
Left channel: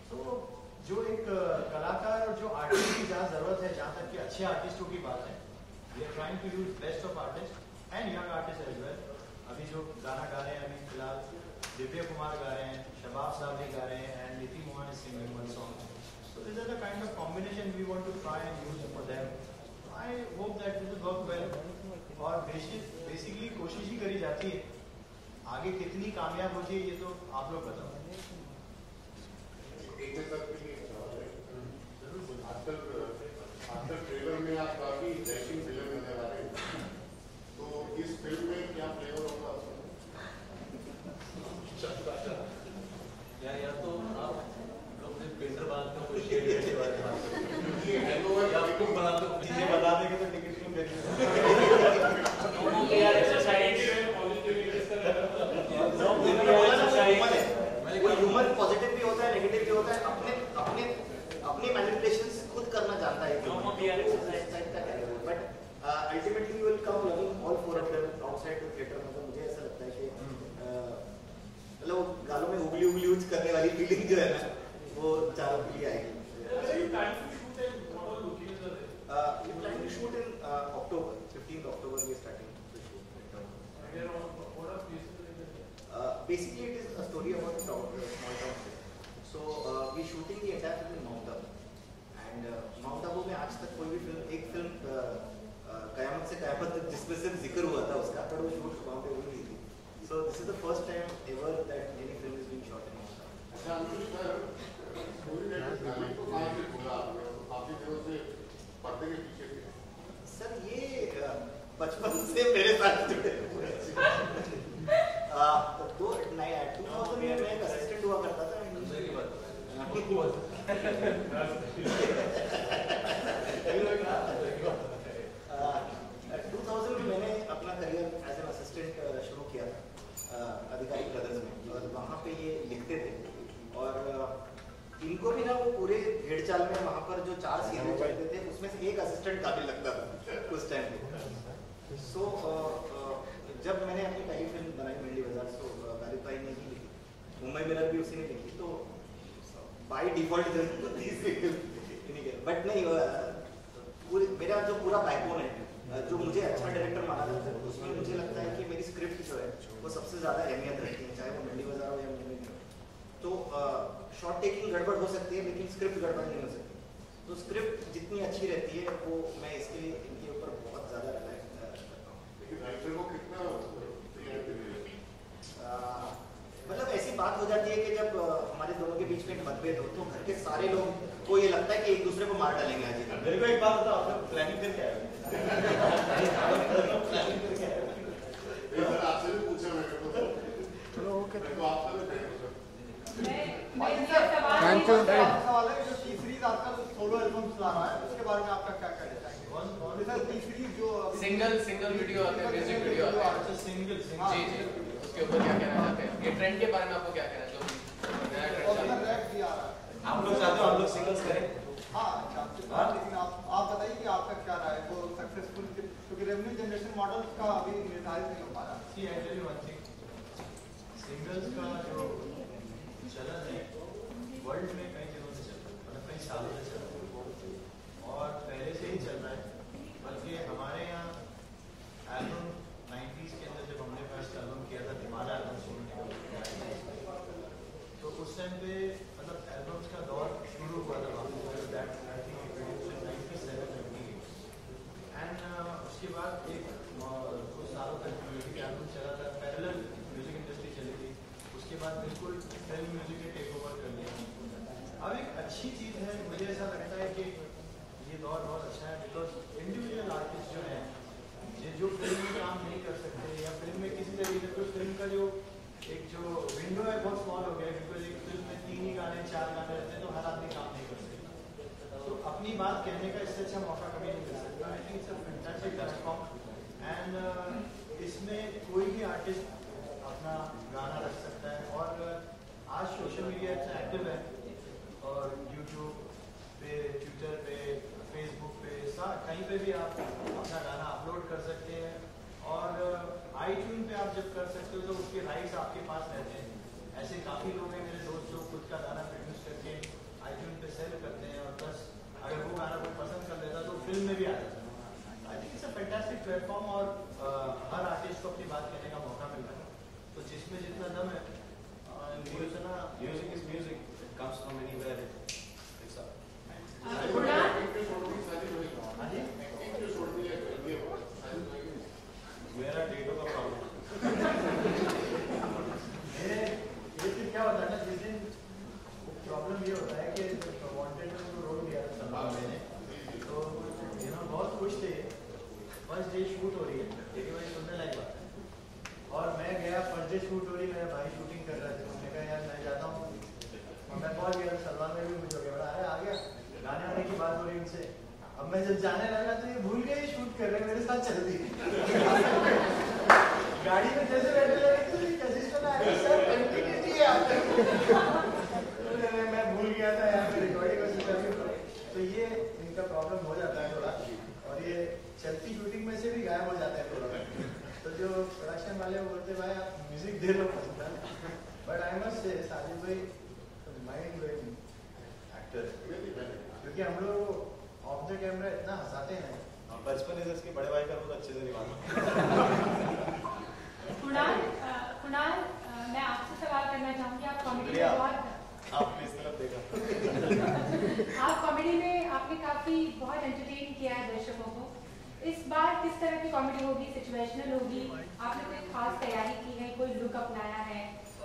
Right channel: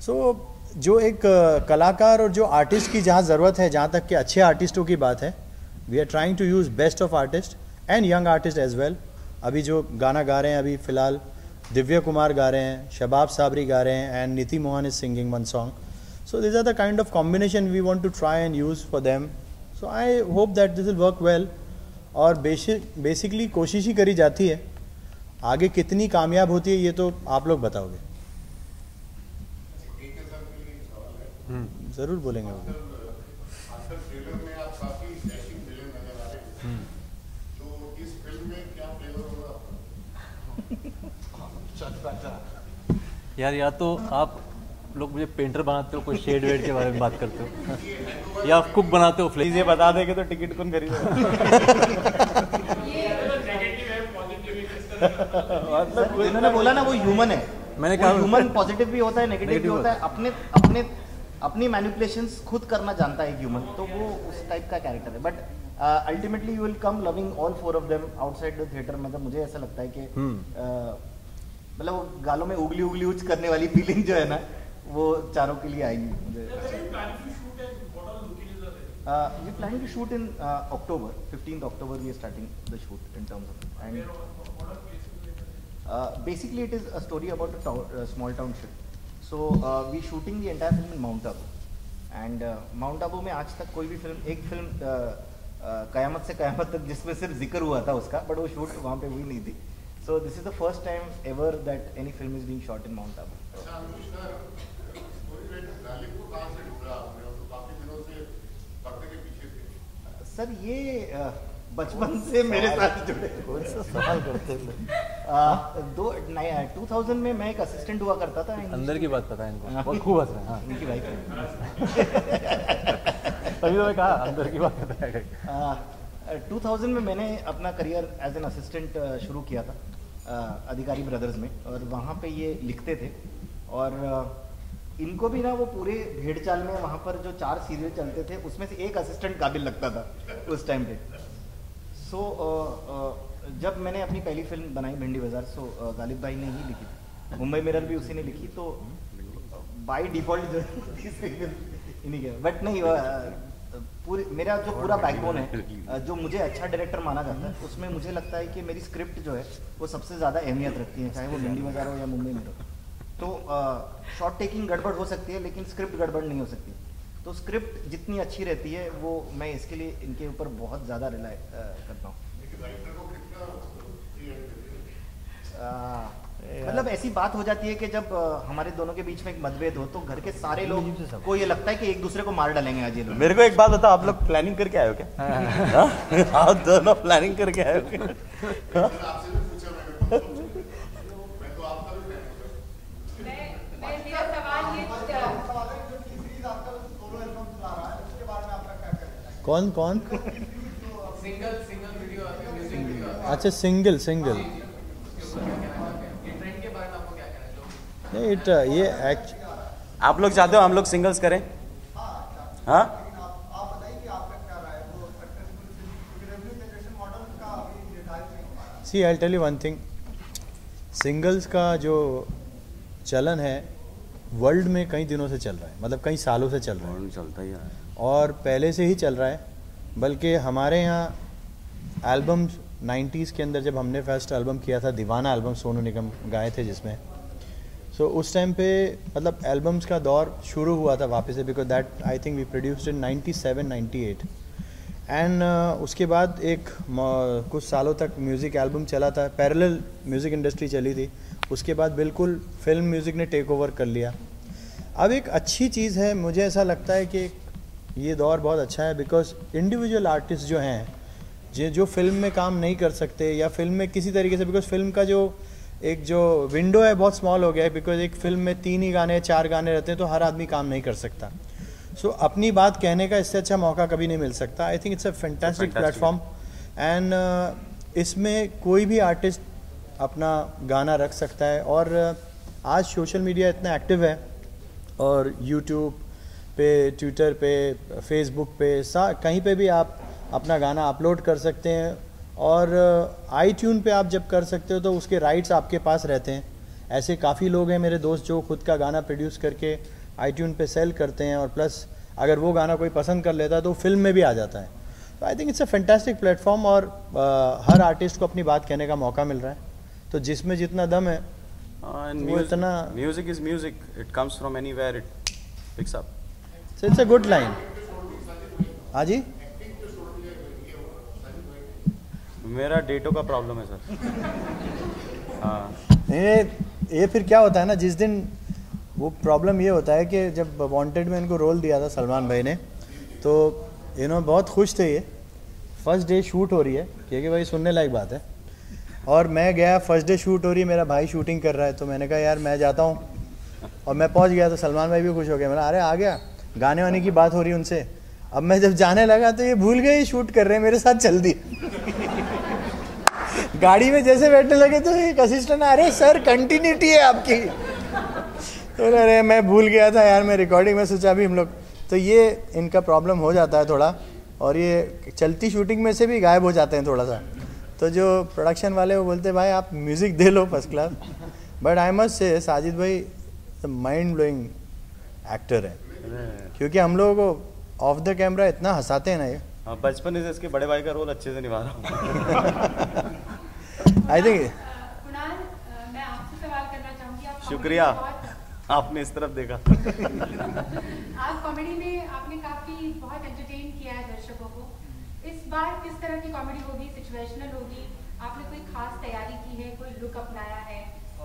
So जो एक कलाकार और जो आर्टिस्ट की जहाँ ज़रूरत है, जहाँ तक कि अच्छे आर्टिस्टों की बात है, we are trying to use best of artist and young artist as well. अभी जो गाना गा रहे हैं, अभी फ़िलहाल दिव्य कुमार गा रहे हैं, शबाब साबरी गा रहे हैं and Neeti Mohan is singing one song. So this are the kind of combination we want to try and use for them. So I hope that this will work well. और बेसिकली कोशिश ही करी जाती है, आगे कितनी कामयाब होती है ये तो आप लोग बताओगे। ज़रूर बोलेंगे। अक्सर ट्रेलर में आप काफी डैशिंग विलेन नजर आ रहे हैं, तो इस फिल्म में क्या फ्लेवर होगा यार? या तो आप लोग मुझे पेंटर बनाते हो, कोई शेड वेड के बारे में बात करते हो, या कुक बनाते हो। प्लीज ये बता देंगे तो टिकट कौन खरीदेगा? उन्होंने बोला ना वो ह्यूमन है। मैंने कहा ह्यूमन पॉजिटिव भी होता है, नेगेटिव भी होता है, अपने अपने अपनी मैनिपुलेशंस खुद करना जानता है ह्यूमन, तो वो उस टाइप का कैरेक्टर है। But ultimately you will come loving all 4 of them outside the theatre. मतलब मुझे ऐसा लगता है कि मतलब वो गालों में उगली उगली उच करने वाली फीलिंग जो है ना, वो चारों के लिए आएगी। We plan to shoot in October, 15th October we are starting the shoot in terms of, and basically it is a story about a small town trip. So we shooting the entire film in Mount Abu, and Mount Abu में आज तक कोई भी film, एक film कयामत से कयामत तक जिसमें सिर्फ जिक्र हुआ था उसका, बट वो शूट वहाँ पे हुई नहीं थी। So this is the first time ever that any film is being shot in Mount Abu. Sir ये बचपन से मेरे साथ जुड़े 2000 में मैं एक असिस्टेंट हुआ करता था। अंदर की बात पता है बहुत खूब है। तभी तो मैं कहा अंदर की बात पता है। 2000 में मैंने अपना करियर एज एन असिस्टेंट शुरू किया था अधिकारी ब्रदर्स में, और वहाँ पे ये लिखते थे। और इनको भी ना वो पूरे भेड़ चाल में वहाँ पर जो 4 सीरियल चलते थे उसमें से एक असिस्टेंट काबिल लगता था उस टाइम पे। सो जब मैंने अपनी पहली फिल्म बनाई भिंडी बाजार, सो गालिब भाई ने ही लिखी, मुंबई मिरर भी उसी ने लिखी, तो बाय डिफॉल्ट इन्हीं के। बट नहीं, पूरी मेरा जो पूरा बैकबोन है, जो मुझे अच्छा डायरेक्टर माना जाता है, उसमें मुझे लगता है कि मेरी स्क्रिप्ट जो है वो सबसे ज़्यादा अहमियत रखती है, चाहे वो भिंडी बाजार हो या मुंबई मिरर। तो शॉट टेकिंग गड़बड़ हो सकती है लेकिन स्क्रिप्ट गड़बड़ नहीं हो सकती। तो स्क्रिप्ट जितनी अच्छी रहती है वो मैं इसके लिए इनके ऊपर बहुत ज़्यादा रिलाय करता हूँ। मतलब ऐसी बात हो जाती है कि जब हमारे दोनों के बीच में एक मतभेद हो तो घर के सारे लोग को ये लगता है कि एक दूसरे को मार डालेंगे आज ये दोनों। मेरे को एक बात बताओ, आप लोग प्लानिंग करके आए हो क्या? आप दोनों प्लानिंग करके आए हो क्या? कौन कौन? सिंगल वीडियो आते हैं, म्यूजिक वीडियो आते हैं। अच्छा सिंगल उसके ऊपर क्या कहना है? ये ट्रेंड के बारे में आपको क्या कहना चाहिए? ये आप लोग चाहते हो हम लोग सिंगल्स करें? हाँ आप बताइए कि आपका क्या राय है? वो सक्सेसफुल क्योंकि रेवेन्यू जनरेशन मॉडल का अभी निर्धारित नहीं हो पा रहा। See I tell you one thing, singles का जो चलन है वर्ल्ड में कई दिनों से चल रहा है, मतलब कई सालों से चल रहा है, चलता ही है और पहले से ही चल रहा है। बल्कि हमारे यहाँ एल्बम 90s के अंदर जब हमने फर्स्ट एल्बम किया था, दीवाना एल्बम सोनू निगम गाए थे जिसमें, सो उस टाइम पे मतलब एल्बम्स का दौर शुरू हुआ था वापस से, because that I think we produced in 97-98 and उसके बाद एक कुछ सालों तक म्यूज़िक एल्बम चला था, पैरेलल म्यूज़िक इंडस्ट्री चली थी। उसके बाद बिल्कुल फिल्म म्यूज़िक ने टेक ओवर कर लिया। अब एक अच्छी चीज़ है, मुझे ऐसा लगता है कि ये दौर बहुत अच्छा है, बिकॉज इंडिविजुअल आर्टिस्ट जो हैं जो फिल्म में काम नहीं कर सकते या फिल्म में किसी तरीके से, बिकॉज फिल्म का जो विंडो है बहुत स्मॉल हो गया है, बिकॉज एक फिल्म में 3 ही गाने 4 गाने रहते हैं तो हर आदमी काम नहीं कर सकता। सो अपनी बात कहने का इससे अच्छा मौका कभी नहीं मिल सकता। आई think it's a fantastic platform and इसमें कोई भी आर्टिस्ट अपना गाना रख सकता है। और आज सोशल मीडिया इतना एक्टिव है और यूट्यूब पे, ट्विटर पे, फेसबुक पे, कहीं पे भी आप अपना गाना अपलोड कर सकते हैं और आईट्यून पे आप जब कर सकते हो तो उसके राइट्स आपके पास रहते हैं। ऐसे काफ़ी लोग हैं मेरे दोस्त जो खुद का गाना प्रोड्यूस करके आईट्यून पे सेल करते हैं और प्लस अगर वो गाना कोई पसंद कर लेता है तो फिल्म में भी आ जाता है। तो I think it's a fantastic platform और हर आर्टिस्ट को अपनी बात कहने का मौका मिल रहा है। तो जिसमें जितना दम है वो इतना। Music is music, it comes from anywhere, it picks up. So it's a good line. हाँ जी, मेरा डेटो का प्रॉब्लम है सर। हाँ ये फिर क्या होता है ना, जिस दिन वो प्रॉब्लम ये होता है कि जब वांटेड में इनको रोल दिया था सलमान भाई ने, तो बहुत खुश थे। ये फर्स्ट डे शूट हो रही है, क्योंकि भाई सुनने लायक बात है। और मैं गया, फर्स्ट डे शूट हो रही है, मेरा भाई शूटिंग कर रहा है, तो मैंने कहा यार मैं जाता हूँ। और मैं पहुँच गया तो सलमान भाई भी खुश हो गए। मैंने अरे आ गया, गाने वाने की बात हो रही है उनसे। अब मैं जब जाने लगा तो ये भूल गए शूट कर रहे हैं, मेरे साथ चल दी। गाड़ी में जैसे बैठने लगे तो एक असिस्टेंट, अरे सर कंटिन्यूटी है आपकी। तो अरे मैं भूल गया था यार, मैं रिकॉर्डिंग में सोचा अभी हम लोग। तो ये इनका प्रॉब्लम हो जाता है थोड़ा, और ये चलती शूटिंग में से भी गायब हो जाते हैं थोड़ा सा। तो जो प्रोडक्शन वाले वो बोलते हैं भाई आप music they low first class. But I must say Sajid भाई माइंड ब्लोइंग एक्टर है, क्योंकि हम लोगों को ऑफ द कैमरा इतना हंसाते हैं ना ये। बचपन से इसके बड़े भाई का रोल अच्छे से निभा रहा हूँ। आई थिंक कुणाल, मैं आपसे सवाल करना चाहूँगी। आप शुक्रिया, आपने इस तरफ देखा। आप कॉमेडी में आपने काफ़ी बहुत एंटरटेन किया है दर्शकों को। इस बार किस तरह की कॉमेडी होगी? सिचुएशनल होगी? आपने कोई खास तैयारी की है, कोई लुक अपनाया है,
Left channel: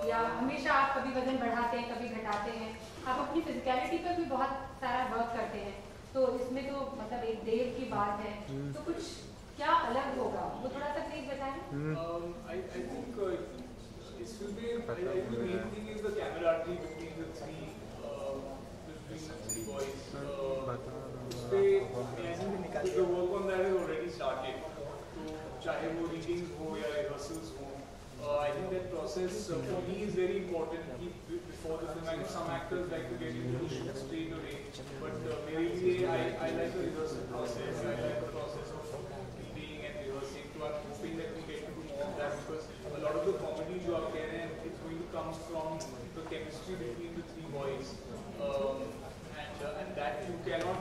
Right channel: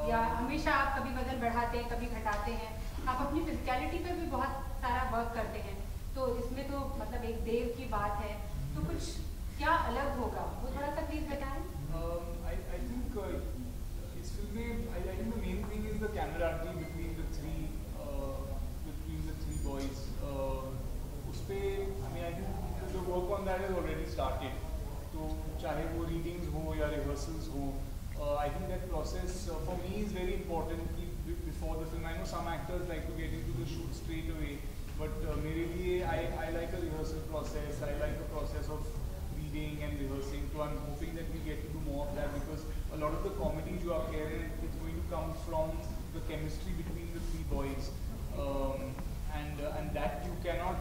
या हमेशा आप कभी वजन बढ़ाते हैं कभी घटाते हैं? आप अपनी फिजिकलिटी पर भी बहुत सारा वर्क करते हैं, तो इसमें तो मतलब एक देर की बात है, तो कुछ क्या अलग होगा वो थोड़ा सा प्लीज बताएं। I think it will be the main thing is the camaraderie between the three boys. उसपे I think the work on that has already started. तो चाहे वो readings हो या rehearsals हो, I think that process for me is very important. Before the film, I know some actors like to get into the shoot straight away, but मेरे लिए I like the rehearsal process. I like the process of reading and rehearsing. So I'm hoping that we get to do more of that, because a lot of the comedy जो आप कह रहे हैं, it's going to come from the chemistry between the three boys, and that you cannot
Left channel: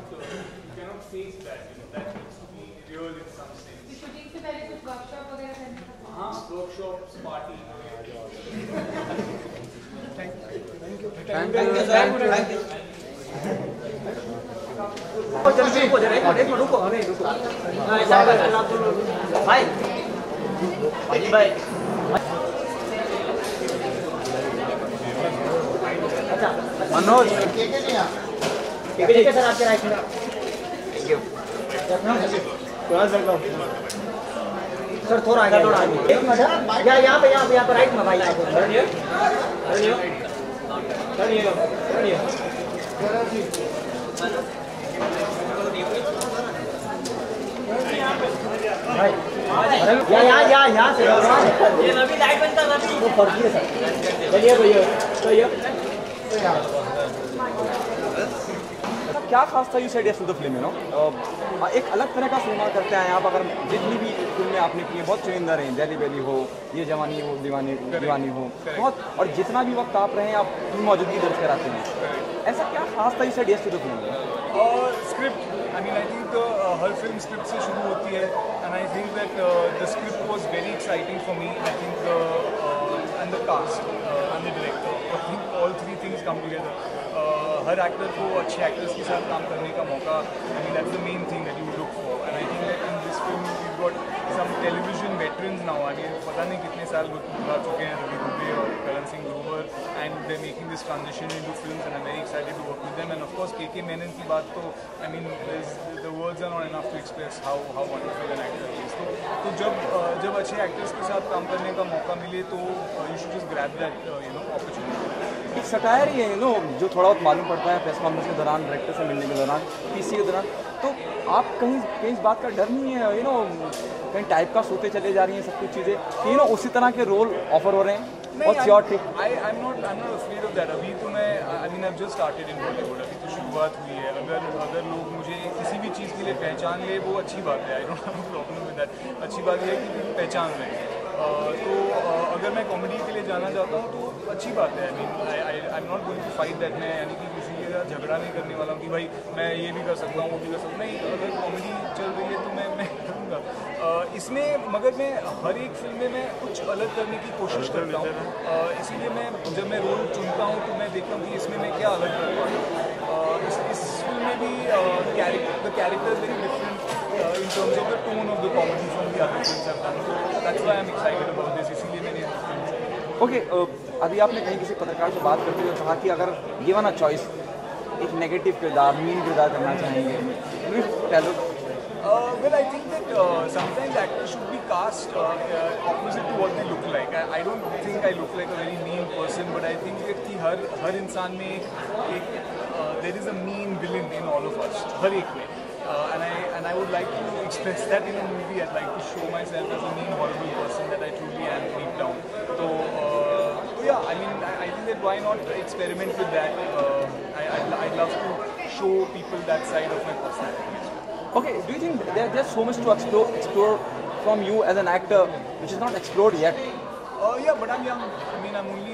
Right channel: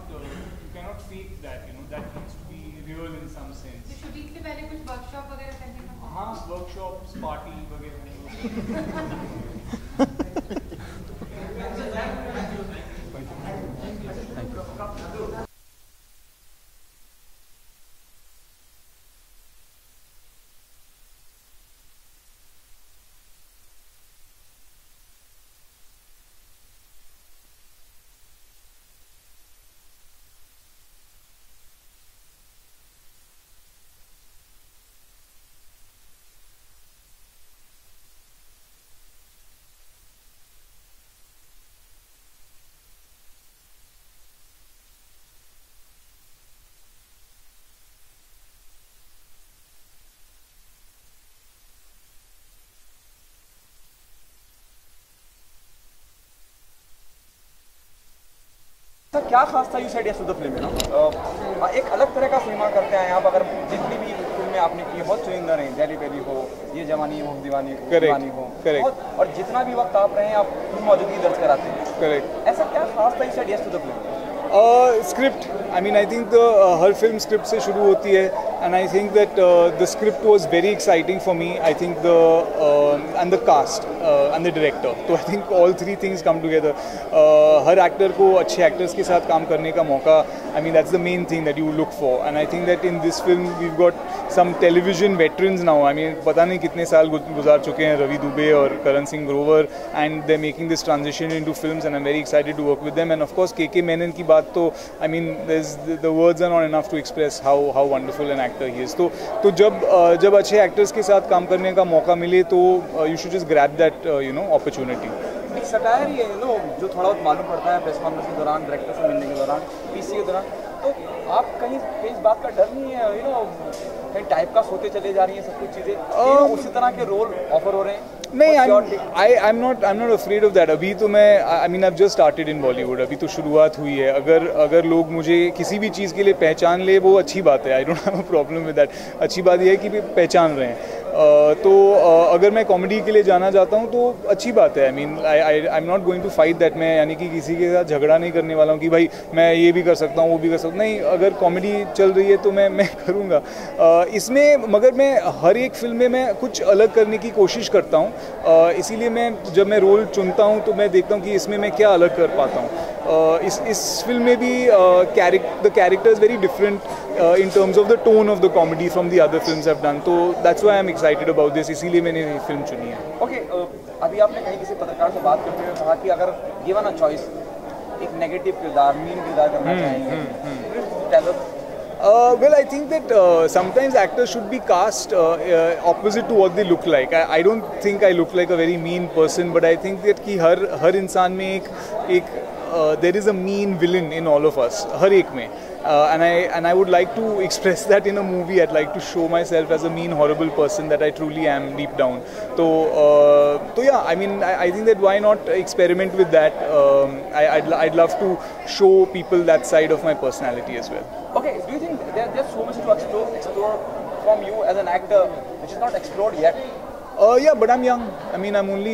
fake that. That needs to be real in some sense. Shooting से पहले कुछ workshop वगैरह करने का? हाँ, workshops, party वगैरह। भाई सर आपके राइट में। थैंक यू सर, थोड़ा आगे यहाँ पे राइट में भाई। यहाँ से ये रवि लाइट बनता रवि वो फर्जी है सर। चलिए भैया क्या खास था you said yes to the film, you know एक अलग तरह का सिनेमा करते हैं यहाँ पर। अगर जितनी भी फिल्में आपने की बहुत चुनिंदा रही, दिल्ली बेली हो, ये जवानी हो, दीवानी हो, और जितना भी वक्त आप रहे हैं आप मौजूदगी दर्ज कराते हैं। करेक्ट। ऐसा क्या खास था you said yes to the film? Script, I mean I think हर फिल्म स्क्रिप्ट से शुरू होती है, and I think that the script was very exciting for me. I think and the cast and the director, तो I think all three things come together. हर actor को अच्छे actors के साथ काम करने का मौका, I mean that's the main thing that you look for. And I think that in this film we got some television veterans now. I mean पता नहीं कितने साल गुजार चुके हैं रवि दुबे और Karan Singh Grover, and they making this transition into films, and I am very excited to work with them. And of course K Menon की बात तो I mean the words are not enough to express how wonderful an actor he is. तो जब अच्छे actors के साथ काम करने का मौका मिले तो you should just grab that opportunity. एक सटायर ये जो थोड़ा बहुत मालूम पड़ता है प्रेस कॉन्फ्रेंस के दौरान, डायरेक्टर से मिलने के दौरान, पीसी के दौरान, तो आप कहीं इस बात का डर नहीं है कहीं टाइप का सोते चले जा रही हैं सब कुछ चीज़ें, उसी तरह के रोल ऑफर हो रहे हैं? नहीं, I'm not afraid of that. अभी तो मैं I mean I've just started in Bollywood. अभी तो शुरुआत हुई है. अगर लोग मुझे किसी भी चीज़ के लिए पहचान ले वो अच्छी बात है. I don't have a problem with that. अच्छी बात यह है कि पहचान रहे हैं. तो अगर मैं कॉमेडी के लिए जाना चाहता हूँ तो अच्छी बात है. I mean I am not going to fight that. मैं यानी कि किसी के साथ झगड़ा नहीं करने वाला हूँ कि भाई मैं ये भी कर सकता हूँ वो भी कर सकता हूँ. नहीं, अगर कॉमेडी चल रही है तो मैं करूँगा इसमें. मगर मैं हर एक फिल्म में मैं कुछ अलग करने की कोशिश करता हूँ. इसीलिए जब मैं रोल चुनता हूँ तो मैं देखता हूँ कि इसमें मैं क्या अलग कर पाता हूँ. इस फिल्म में भी the character is very different in terms of the tone of the comedy from the other films I've done. तो that's why I'm excited about this. इसीलिए मैंने ये फिल्म चुनी है. Okay, अभी आपने कहीं किसी पत्रकार से बात करते हुए कहा कि अगर given a choice एक नेगेटिव किरदार, मीन किरदार करना चाहेंगे. Well, I think that sometimes actors should be cast opposite to what they look like. I don't think I look like a very mean person, but I think that कि हर इंसान में एक there is a mean villain in all of us, हर एक में. And I would like to express that in a movie. I'd like to show myself as a mean, horrible person that I truly am deep down. So yeah, I mean, I think that why not experiment with that? I'd love to show people that side of my personality as well. Okay, do you think there's so much to explore from you as an actor which is not explored yet? Yeah, but I'm young. I mean, I'm only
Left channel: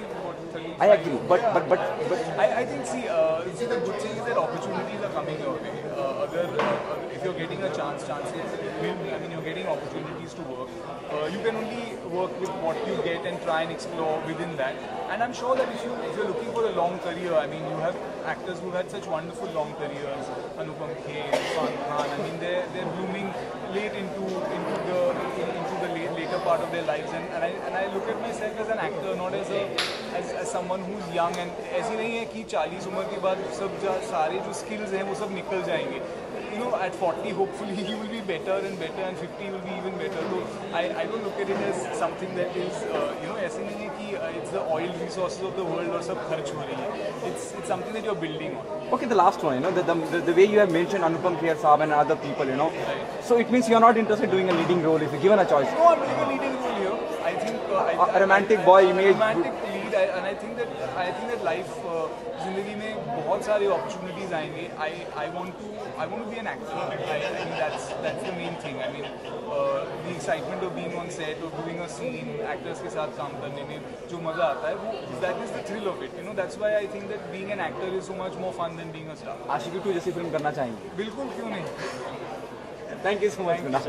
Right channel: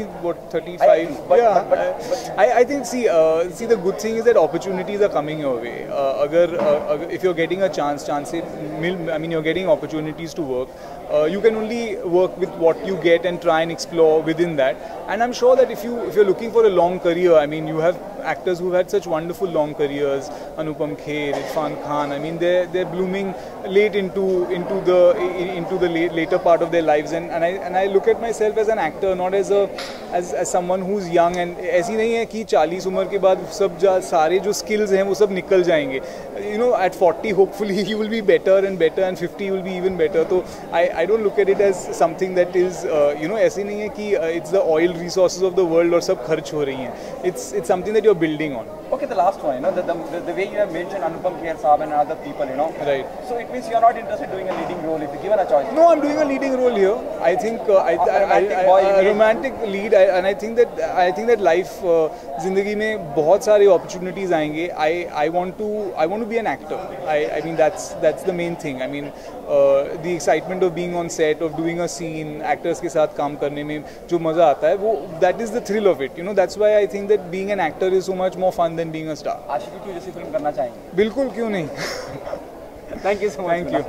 35. But I think see the good thing is that opportunities are coming your way. If you're getting a chance, I mean, you're getting opportunities to work. You can only work with what you get and try and explore within that. And I'm sure that if you're looking for a long career, I mean, you have actors who've had such wonderful long careers. Anupam Kher, Irfan Khan. I mean, they're blooming late into the later part of their lives. And I look at myself as an actor, not as someone who's young. And ऐसी नहीं है कि 40 उम्र के बाद सब सारे जो skills हैं वो सब निकल जाएंगे. At 40 hopefully you will be better and 50 you will be even better. So I don't look at it as something that is ऐसी नहीं है कि it's the oil resources of the world और सब खर्च हो रही हैं. It's something that you're building on. Okay, the last one, the way you have mentioned Anupam Kher Saab and other people, Right. So it means you're not interested in doing a leading role if you're given a choice. No, I'm doing a leading role here. I think a romantic boy, a romantic lead, and I think that life, जिंदगी में बहुत सारे opportunities आएंगे. I want to be an actor. I mean that's the main thing. I mean the excitement of being on set, of doing a scene, actors के साथ काम करने में जो मजा आता है वो that is the thrill of it. That's why I think that being an actor is so much more fun than being a star. आशिकी 2 जैसी फिल्म करना चाहेंगे? बिल्कुल, क्यों नहीं. Thank you so much. Thank you.